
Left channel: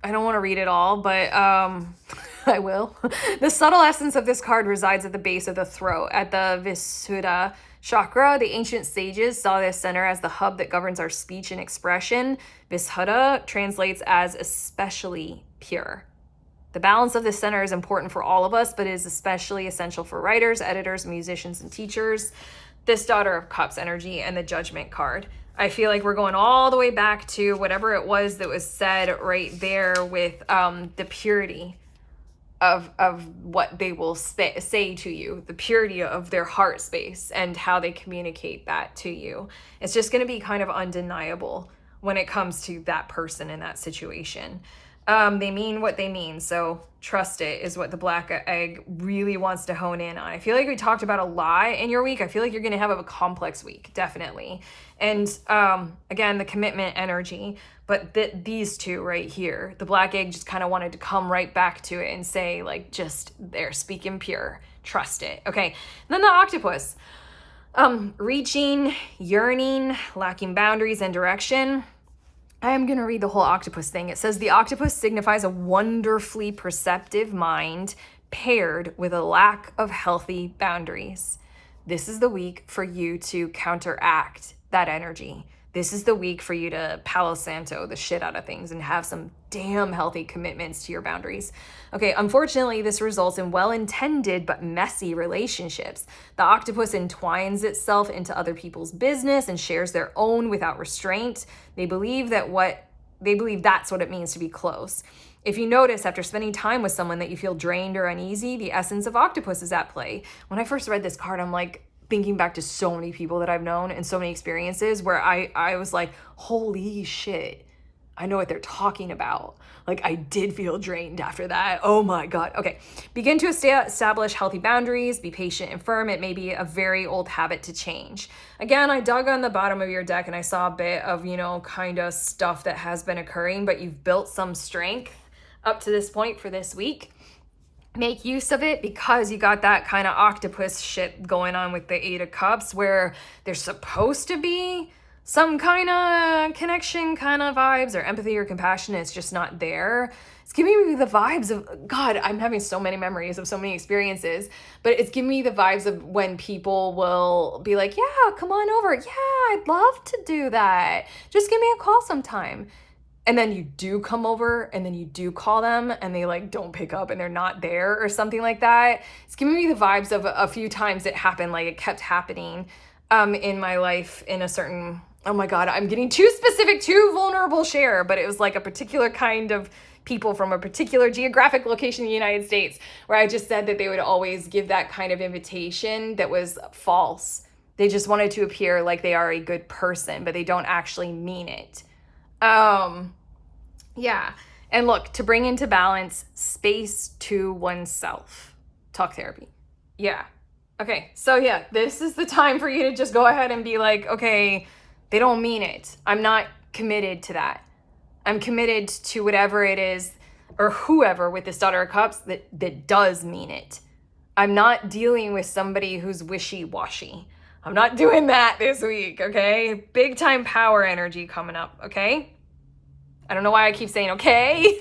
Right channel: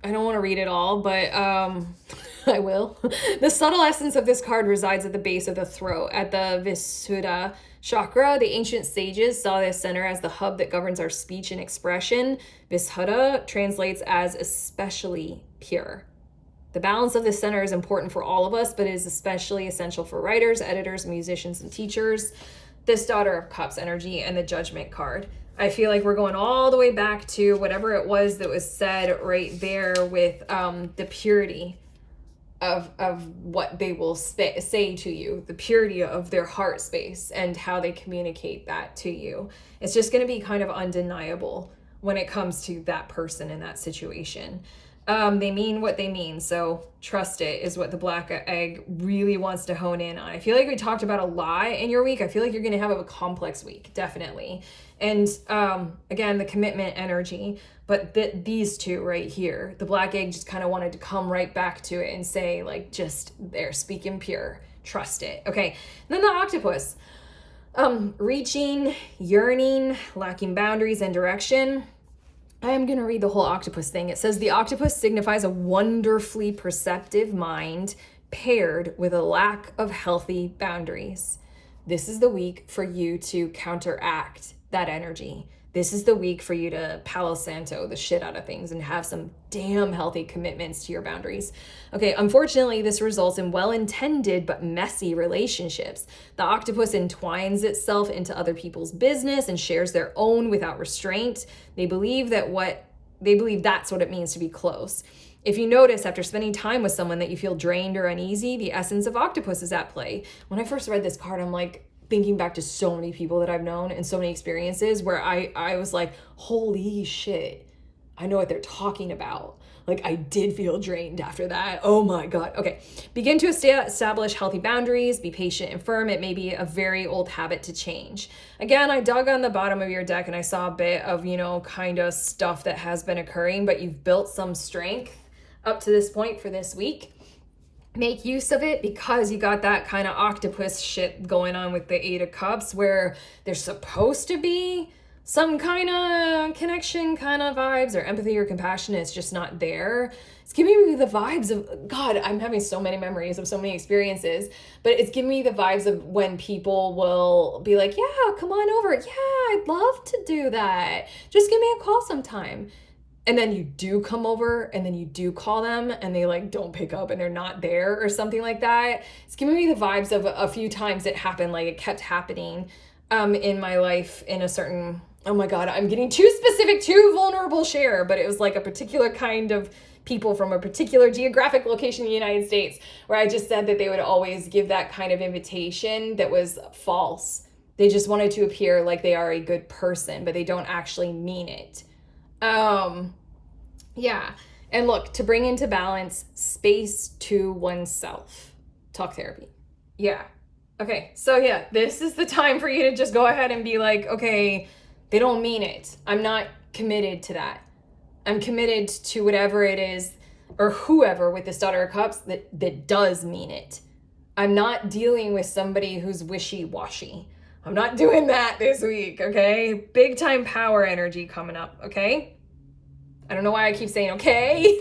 don't want to read it all, but I will. The subtle essence of this card resides at the base of the throat, at the Visuddha chakra. The ancient sages saw this center as the hub that governs our speech and expression. Visuddha translates as especially pure. The balance of this center is important for all of us, but it is especially essential for writers, editors, musicians, and teachers. This Daughter of Cups energy and the Judgment card. I feel like we're going all the way back to whatever it was that was said right there with the purity of what they will say to you, the purity of their heart space and how they communicate that to you. It's just going to be kind of undeniable when it comes to that person in that situation. They mean what they mean, so trust it is what the Black Egg really wants to hone in on. I feel like we talked about a lot in your week. I feel like you're going to have a complex week, definitely. And again, the commitment energy, but these two right here, the Black Egg just kind of wanted to come right back to it and say, like, just there, speaking pure, trust it. Okay, and then the Octopus, reaching, yearning, lacking boundaries and direction. I am going to read the whole octopus thing. It says the octopus signifies a wonderfully perceptive mind paired with a lack of healthy boundaries. This is the week for you to counteract that energy. This is the week for you to Palo Santo the shit out of things and have some damn healthy commitments to your boundaries. Okay, unfortunately, this results in well-intended but messy relationships. The octopus entwines itself into other people's business and shares their own without restraint. They believe that's what it means to be close. If you notice after spending time with someone that you feel drained or uneasy, the essence of octopus is at play. When I first read this card, I'm like, thinking back to so many people that I've known and so many experiences where I was like, holy shit, I know what they're talking about. Like, I did feel drained after that. Oh my God. Okay. Begin to establish healthy boundaries. Be patient and firm. It may be a very old habit to change. Again, I dug on the bottom of your deck and I saw a bit of, you know, kind of stuff that has been occurring, but you've built some strength up to this point for this week. Make use of it, because you got that kind of octopus shit going on with the Eight of Cups, where there's supposed to be some kind of connection, kind of vibes or empathy or compassion. It's just not there. It's giving me the vibes of, God, I'm having so many memories of so many experiences, but it's giving me the vibes of when people will be like, yeah, come on over. Yeah, I'd love to do that. Just give me a call sometime. And then you do come over and then you do call them and they like don't pick up and they're not there or something like that. It's giving me the vibes of a few times it happened, like it kept happening in my life in a certain, oh my God, I'm getting too specific, too vulnerable share, but it was like a particular kind of people from a particular geographic location in the United States, where I just said that they would always give that kind of invitation that was false. They just wanted to appear like they are a good person, but they don't actually mean it. Yeah. And look, to bring into balance, space to oneself. Talk therapy. Yeah. Okay. So yeah, this is the time for you to just go ahead and be like, okay, they don't mean it. I'm not committed to that. I'm committed to whatever it is, or whoever with this Daughter of Cups that does mean it. I'm not dealing with somebody who's wishy-washy. I'm not doing that this week, okay? Big time power energy coming up, okay? I don't know why I keep saying okay.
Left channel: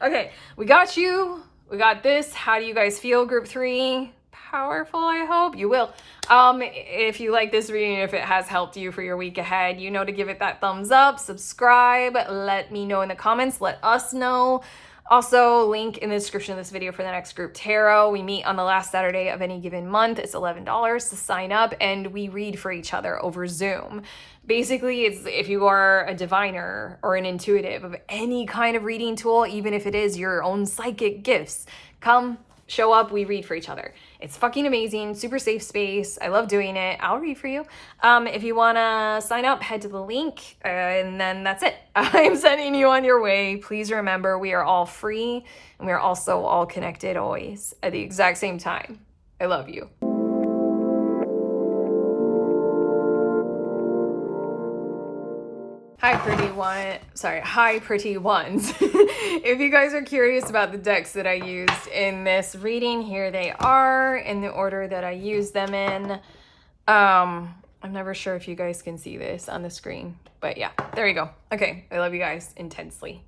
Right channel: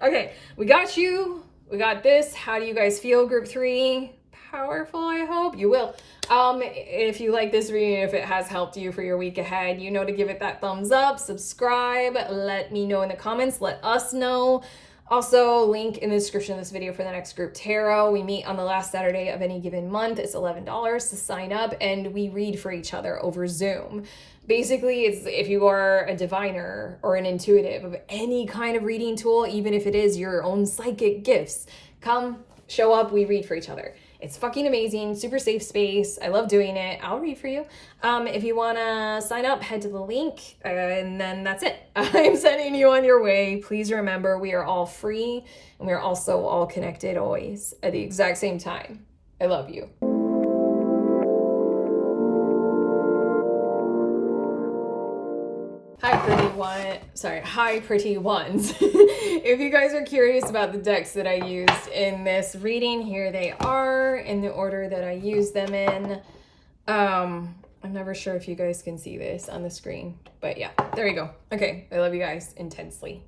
Okay, we got you. We got this. How do you guys feel, group 3? Powerful, I hope. You will. If you like this reading, if it has helped you for your week ahead, you know to give it that thumbs up, subscribe, let me know in the comments, let us know. Also, link in the description of this video for the next group tarot. We meet on the last Saturday of any given month. It's $11 to sign up, and we read for each other over Zoom. Basically, it's if you are a diviner or an intuitive of any kind of reading tool, even if it is your own psychic gifts, come, show up, we read for each other. It's fucking amazing, super safe space. I love doing it. I'll read for you. If you wanna sign up, head to the link, and then that's it. I'm sending you on your way. Please remember, we are all free, and we are also all connected always at the exact same time. I love you. Hi pretty ones. If you guys are curious about the decks that I used in this reading, here they are in the order that I used them in. I'm never sure if you guys can see this on the screen, but yeah, there you go. Okay, I love you guys intensely.